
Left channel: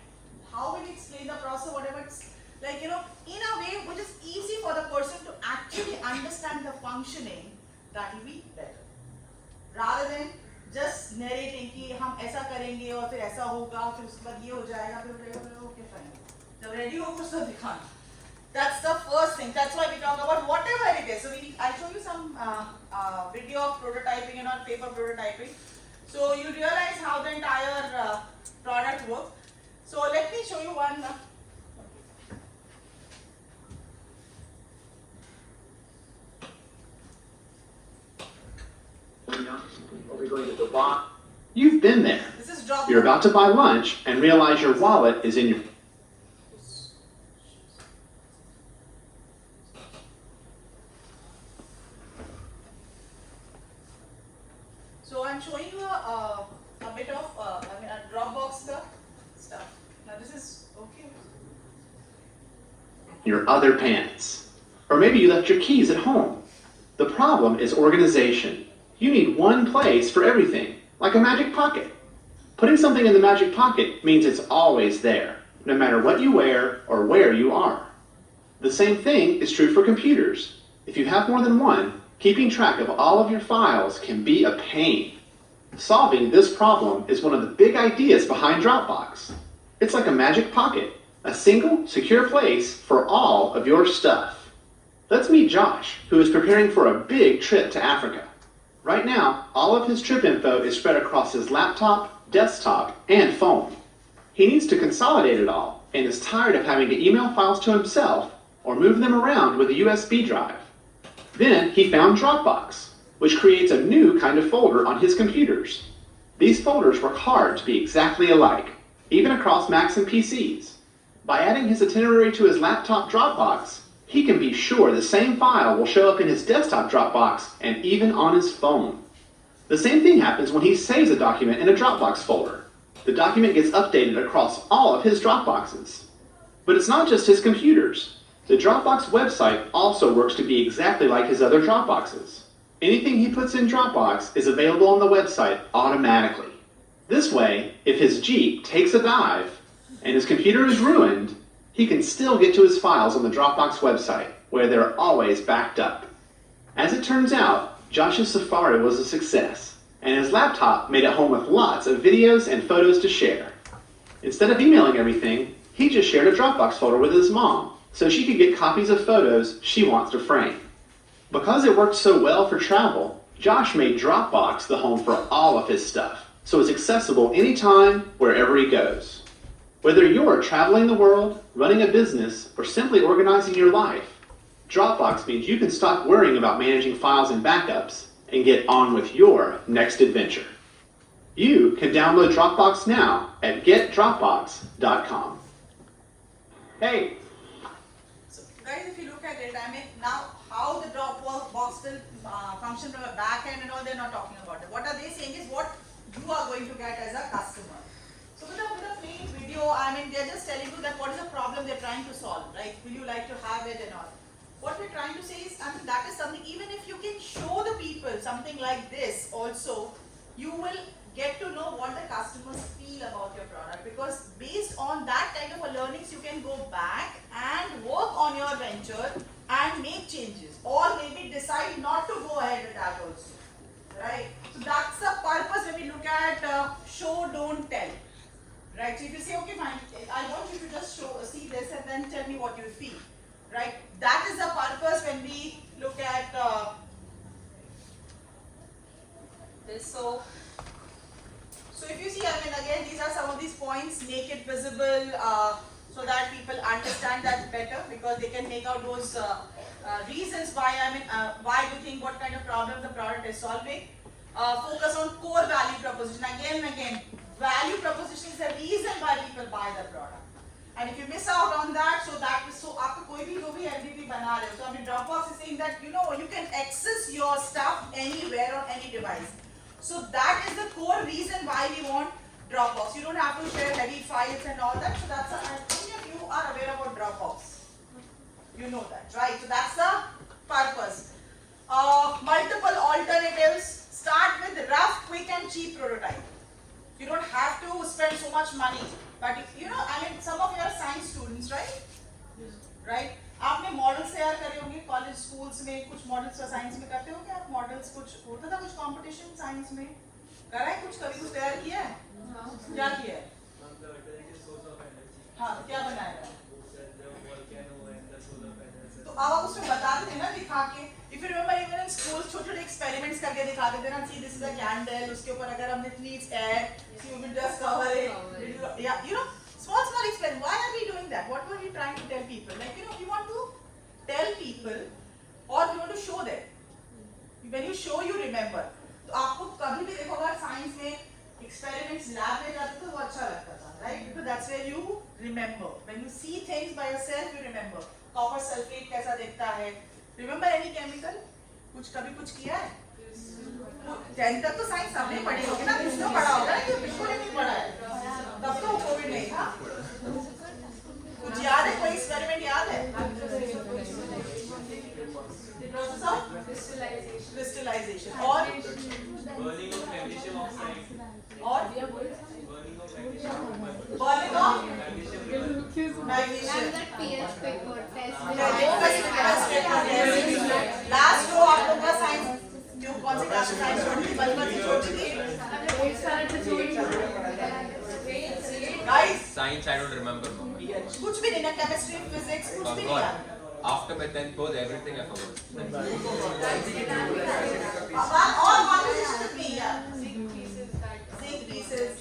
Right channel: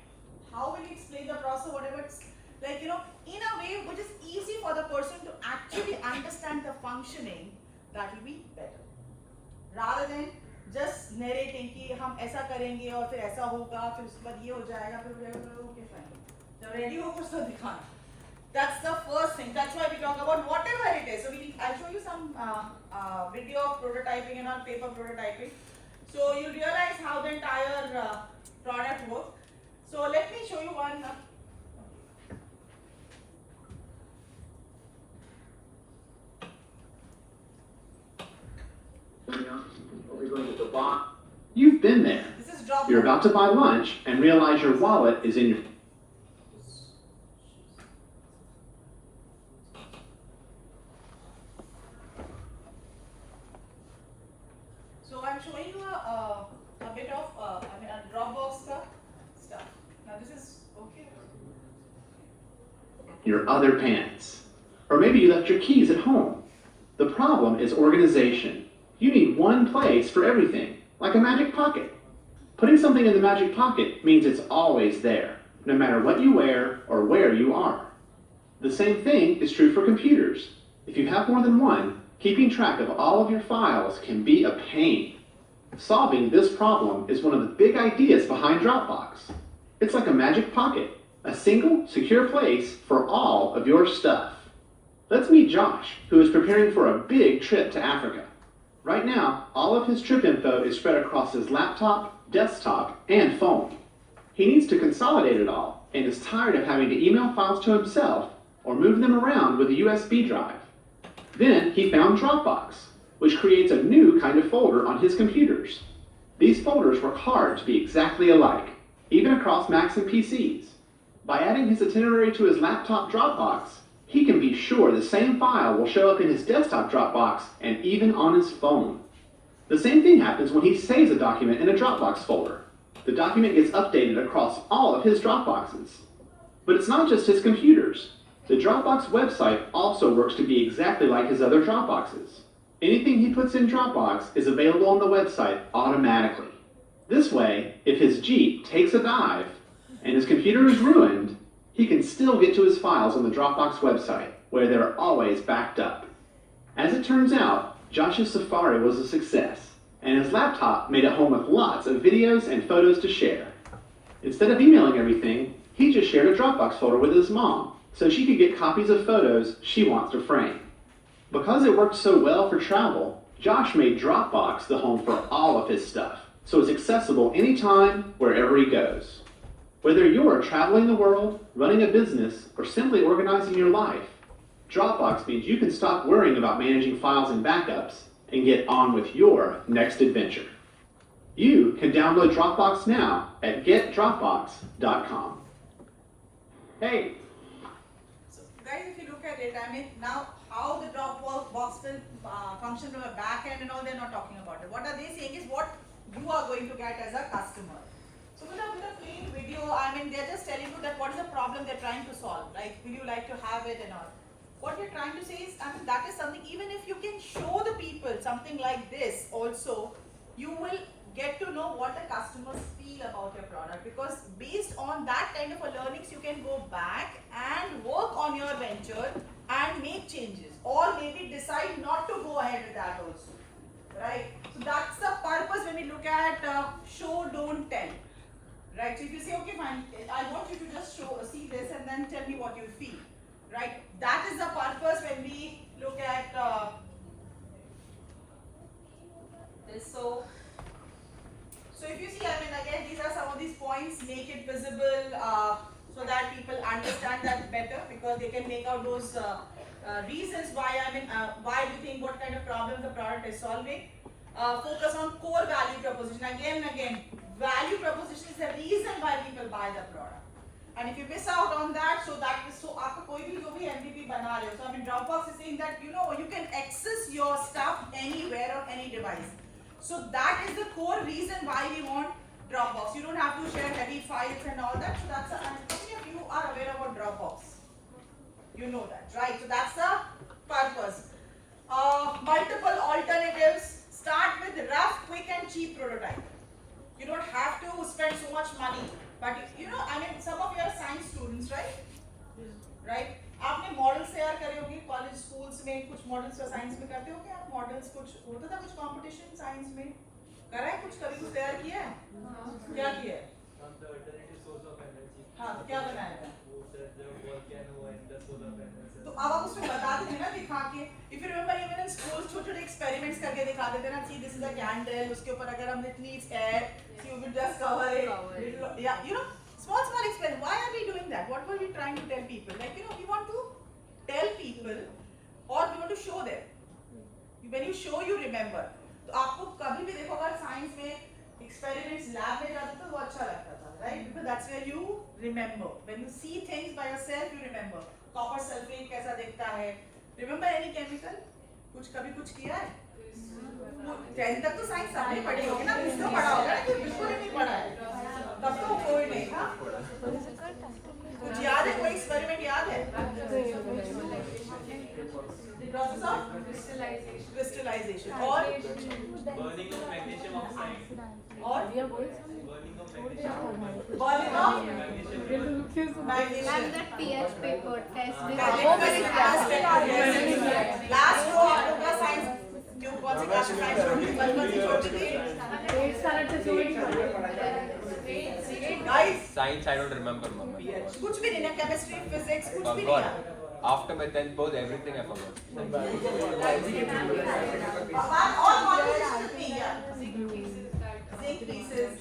How will you explain the process? Whatever it's like, in a way which is easy for the person to actually understand the functioning, that will be better. Rather than just narrating कि हम ऐसा करेंगे और फिर ऐसा होगा फिर उसके बाद ये हो जाएगा फिर okay fine. जब ready हो कुछ तो दिखाना. That's the first thing. That's why we talk about whatever it is. So I'll show you some video of prototyping and on paper prototyping. So you realize how the entire product works. So let me show you one. You've been there. This is drop. You're about to buy lunch and realize your wallet is in your... So I'm showing you a bit of a Dropbox stuff. Now this is okay. your other pants. Or maybe you left your keys at home. The problem is organization. You need one place for everything, like a magic pocket. Putting something in the magic pocket means it's always there, no matter what you wear or where you are. The same thing is true for computers. If you have more than one, keeping track of all of your files can be a pain. Solving this problem is one of the big ideas behind Dropbox. It's like a magic pocket, a single, secure place for all of your stuff. Let's meet Josh, who is preparing for a big trip to Africa. Right now, all of his trip info is spread across his laptop, desktop, and phone. He needs to consolidate it all and is tired of having to email files to himself or move them around with a USB drive. Then he found Dropbox, which creates a new kind of folder on his computers. These folders work hard to be exactly alike, even across Macs and PCs. By adding his itinerary to his laptop Dropbox, he can be sure the same file will show up in his desktop Dropbox and even on his phone. The same thing happens when he saves a document in a Dropbox folder. The document gets updated across all of his Dropboxes. But it's not just his computers. The Dropbox website also works to be exactly like his other Dropboxes. Anything he puts in Dropbox is available on the website automatically. This way, if his Jeep takes a dive and his computer is ruined, he can still get to his files on the Dropbox website, where they're always backed up. As it turns out, Josh's Safari was a success, and his laptop made it home with lots of videos and photos to share. Instead of emailing everything, he just shared a Dropbox folder with his mom, so she could get copies of photos she wants to frame. Because it worked so well for travel, Josh made Dropbox the home for all of his stuff, so it's accessible anytime, wherever he goes. Whether you're traveling the world, running a business, or simply organizing your life, Dropbox means you can stop worrying about managing files and backups and get on with your next adventure. You can download Dropbox now at getdropbox.com. Hey, So guys, if you look at it, I mean, now how the Dropbox will function from a back end and all, they're not talking about it. What are they saying is what you are going to get as a customer. So with a plain video, I mean, they're just telling you that what is the problem they're trying to solve, right? Will you like to have it and all? What we're trying to say is, I mean, that is something, even if you can show the people something like this also, you will get to know what the customers feel about your product, because based on that kind of a learnings, you can go back and work on your venture and make changes, or maybe decide not to go ahead with that also, right? So that's the purpose when we look at show, don't tell, right? So if you say, okay, fine, I want you to just see this and then tell me what you feel, right? That is the purpose when we look at this. So if you see, I mean, again, these are some of these points, make it visible so that people understand that better, because they can make out those reasons why, I mean, why do you think, what kind of problem the product is solving. Focus on core value proposition. Again and again, value proposition is the reason why people buy the product. And if you miss out on that, so that is so आपको कोई भी जो भी MVP बना रहे हो, so I mean Dropbox is saying that you can access your stuff anywhere on any device. So that is the core reason why we want Dropbox. You don't have to share heavy files and all that. So that's how many of you are aware about Dropbox? You know that, right? So that's the purpose. Multiple alternatives. Start with rough, quick and cheap prototype. You don't have to spend so much money. But I mean, some of you are science students, right? Right? आपने models तैयार करे होंगे college schools में, कुछ models तो science में करते हो क्या आप? मॉडल्स कुछ होता था, कुछ कंपटीशन साइंस में करा है, कुछ कभी कुछ तैयार किया है? क्या किया है? हाँ, क्या बनाया है? तो अब आप उसमें बताते थे ना दिखा के. If you remember, even in school छोटे-छोटे experiments करके दिखाते थे ना, see this is a candle, उसके ऊपर अगर हमने needs air, so you will just cover it. Yeah, small experiment. Why are we doing that? What were we trying to tell people? Like, we want to tell people, or we want to show them. When you show, you remember. तो आपको कभी भी देखो अगर science में experiments lab में जाते तो वो अच्छा लगता था, right? Because that's where you remember. When you see things by yourself, you remember. Copper sulfate कैसा दिखता है? Remember any chemical? कभी कुछ किया है? 10th तक तो साइंस सबने पढ़ी होगी ना, किसने पढ़ा होगा ना, कि बिल्कुल ही नहीं पढ़ा है, तब तो कोई नहीं था. कुछ याद है, कोई एक्सपेरिमेंट याद है? The process of crystallization or burning of magnesium oxide. or burning of magnesium. pH paper test last को आप लोग का साइंस क्यों, कौन सी क्लास में साइंस छोड़ दी, बचपन से छोड़ दी guys? Science, I don't remember, mom. कुछ भी नहीं ना, केमिस्ट्री फिजिक्स कुछ भी नहीं Forgot. याद. After my 10th board, everything I forgot. All models should be, yeah. Zinc pieces.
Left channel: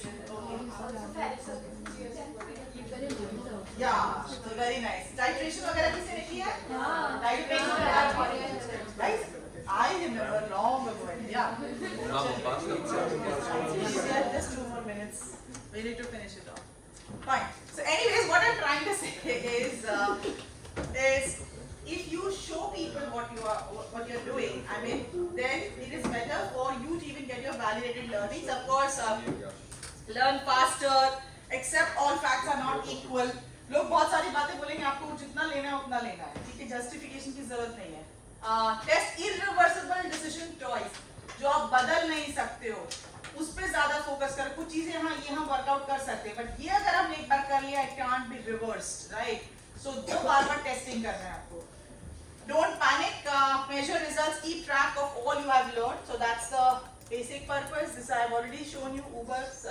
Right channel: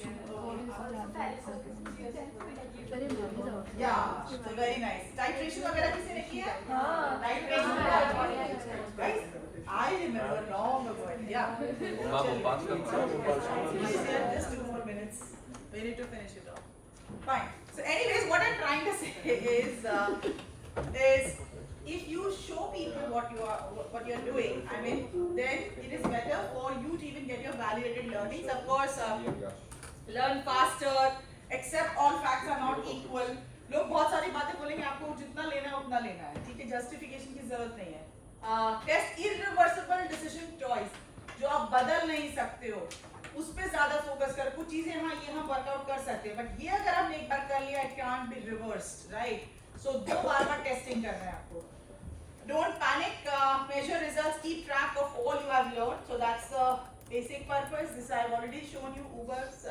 Yeah, so very nice. Titration वगैरह किसी ने किया? Titration. Guys, I remember long ago. Yeah. Mom, pass it. Yeah, just 2 more minutes. We need to finish it off. Fine. So, anyways, what I'm trying to say is if you show people what you're doing, I mean, then it is better for you to even get your validated learnings. Of course, learn faster. Accept all facts are not equal. लोग बहुत सारी बातें बोलेंगे, आपको जितना लेना है उतना लेना है, ठीक है? जस्टिफिकेशन की जरूरत नहीं है. टेस्ट irreversible decision choice, जो आप बदल नहीं सकते हो, उस पे ज्यादा फोकस करो. कुछ चीजें यहाँ वर्कआउट कर सकते हैं, बट ये अगर हमने एक बार कर लिया, it can't be reversed, right? So दो बार टेस्टिंग करना है आपको. Don't panic. Measure results. Keep track of all you have learned. So that's the basic purpose. This I have already shown you Uber's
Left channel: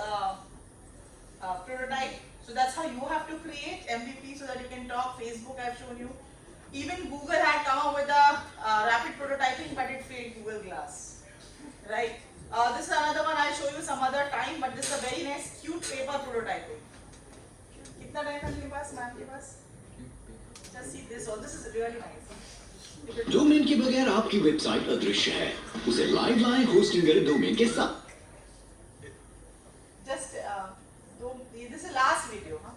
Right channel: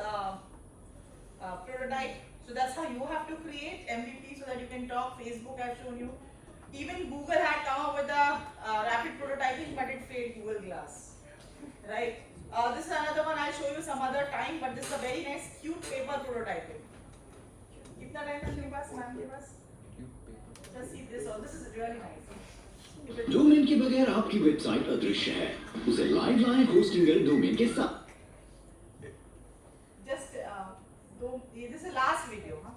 prototype. So that's how you have to create MVP so that you can talk. Facebook I've shown you. Even Google had come up with a rapid prototyping, but it failed Google Glass. Right? This is another one. I'll show you some other time. But this is a very nice, cute paper prototyping. कितना time है आपके पास ma'am के पास? Just see this one. This is really nice. 2 minute के बगैर आपकी website अदृश्य है, उसे लाइव लाएं होस्टिंग वाले डोमेन के साथ। Just this is last video, huh?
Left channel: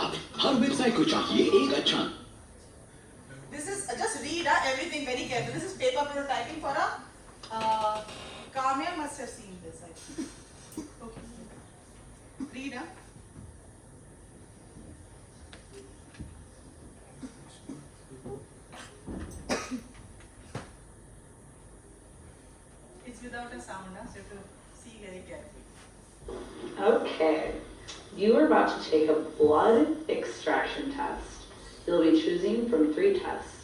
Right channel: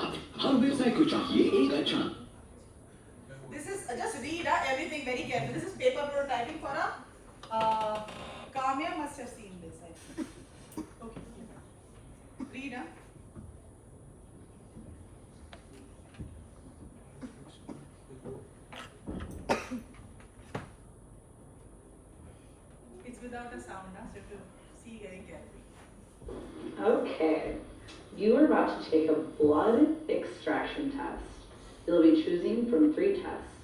अब हर वेबसाइट को चाहिए एक अच्छा। This is just read everything very carefully. This is paper prototyping for a Kamya must have seen this, I think. Okay. Read. It's without a sound, so you have to see very carefully. Okay, you are about to take a blood extraction test. You'll be choosing from 3 tests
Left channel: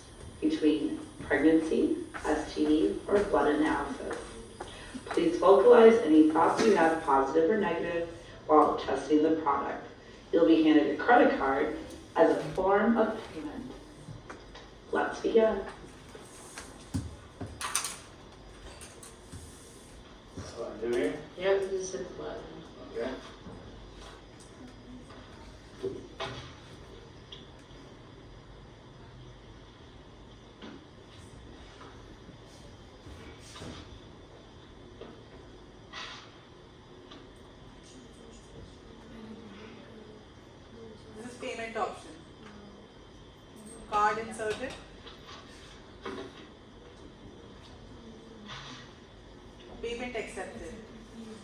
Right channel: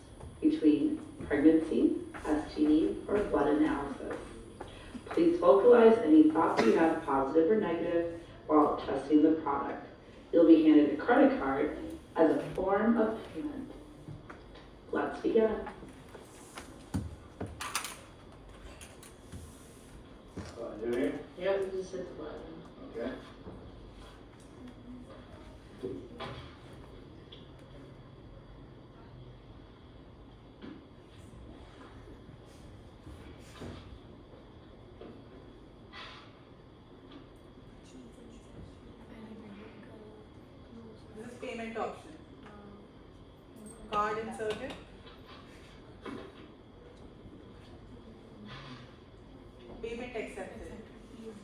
between pregnancy, STD, or blood analysis. Please vocalize any thoughts you have, positive or negative, while testing the product. You'll be handed a credit card as a form of payment. Let's begin. Yep, this is blood. Okay. This is payment option. Card inserted. Payment accepted.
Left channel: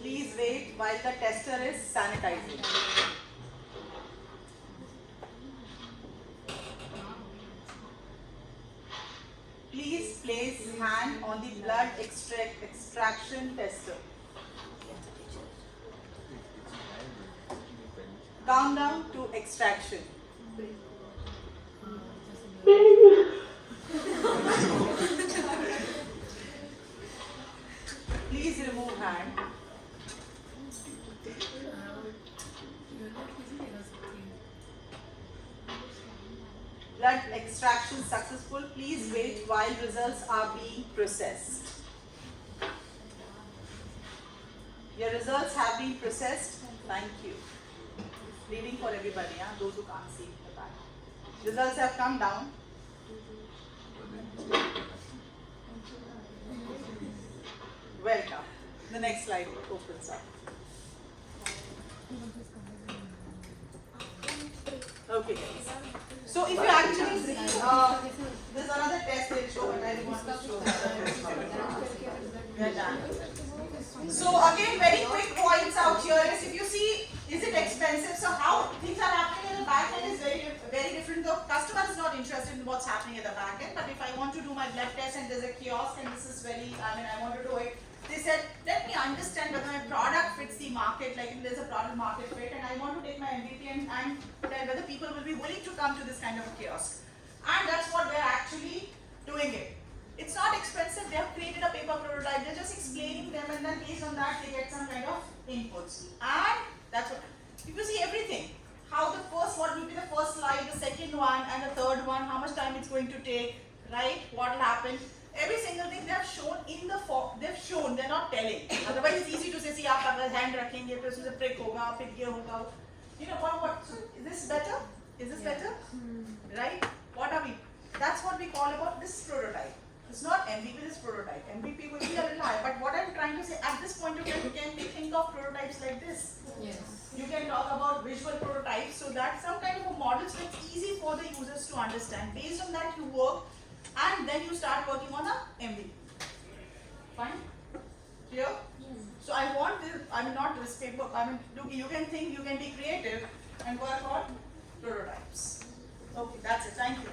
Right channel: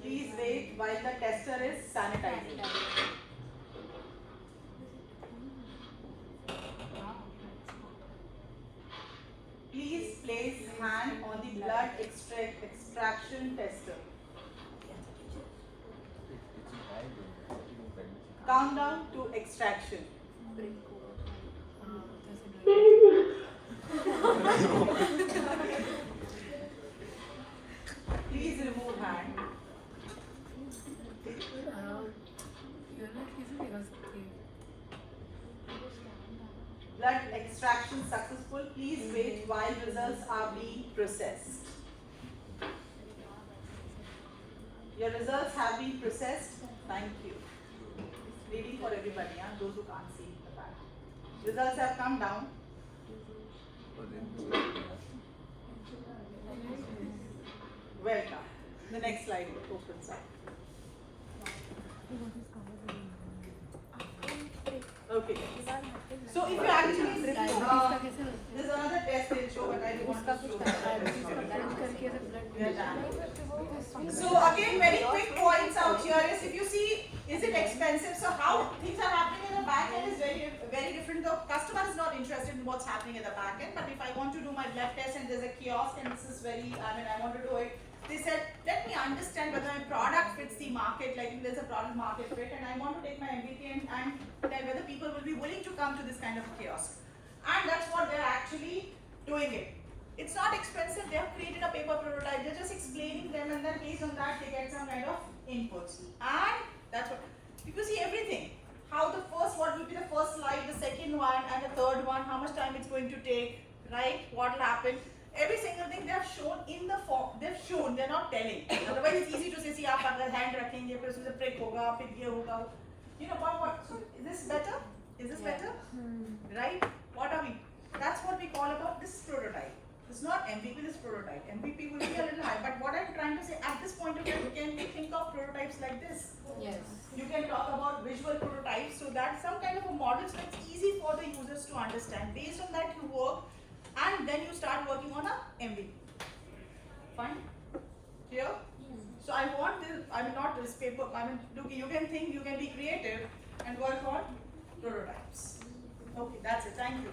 Please wait while the tester is sanitizing. Please place hand on the blood extraction tester. Calm down to extraction. Please remove hand. Blood extraction successful. Please wait while results are being processed. Your results have been processed. Thank you. Reading for everybody, those who can't see. Results have come down. Welcome. The next slide opens up. Okay, guys. So if you actually see, there's another test they'll show, but I want to show So again, very quick points out here is, if you see, is it expensive? So how things are happening in the back end is very different. The customer is not interested in what's happening at the back end, but if I want to do my blood test and there's a kiosk and this is very, I want to do it. They said, let me understand whether my product fits the market, like if there's a product market fit, and I want to take my MVP and tell whether people will be willing to come to this kind of a kiosk. And that's what they're actually doing it. It's not expensive, they have created a paper prototype, they're just explaining them, and then based on that they get some kind of inputs. And that's what, if you see everything, how the first, what will be the first slide, the second one, and the third one, how much time it's going to take, right, what will happen. Every single thing they have shown in the form, they've shown, they're not telling. Otherwise it's easy to say, see, आप अगर hand रखेंगे, फिर उसमें prick होगा, फिर ये होगा. You know what? So is this better? Is this better? Right? What are we? That's what we call about this prototype. It's not MVP, this prototype. MVP will be a little high. But what I'm trying to say, at this point of time, you can think of prototypes like this. Yes. You can talk about visual prototypes, so that some kind of a model, so it's easy for the users to understand. Based on that, you work. And then you start working on a MVP. Fine? Clear? So I want this, not this paper, look, you can think, you can be creative and work on prototypes. Okay, that's it. Thank you.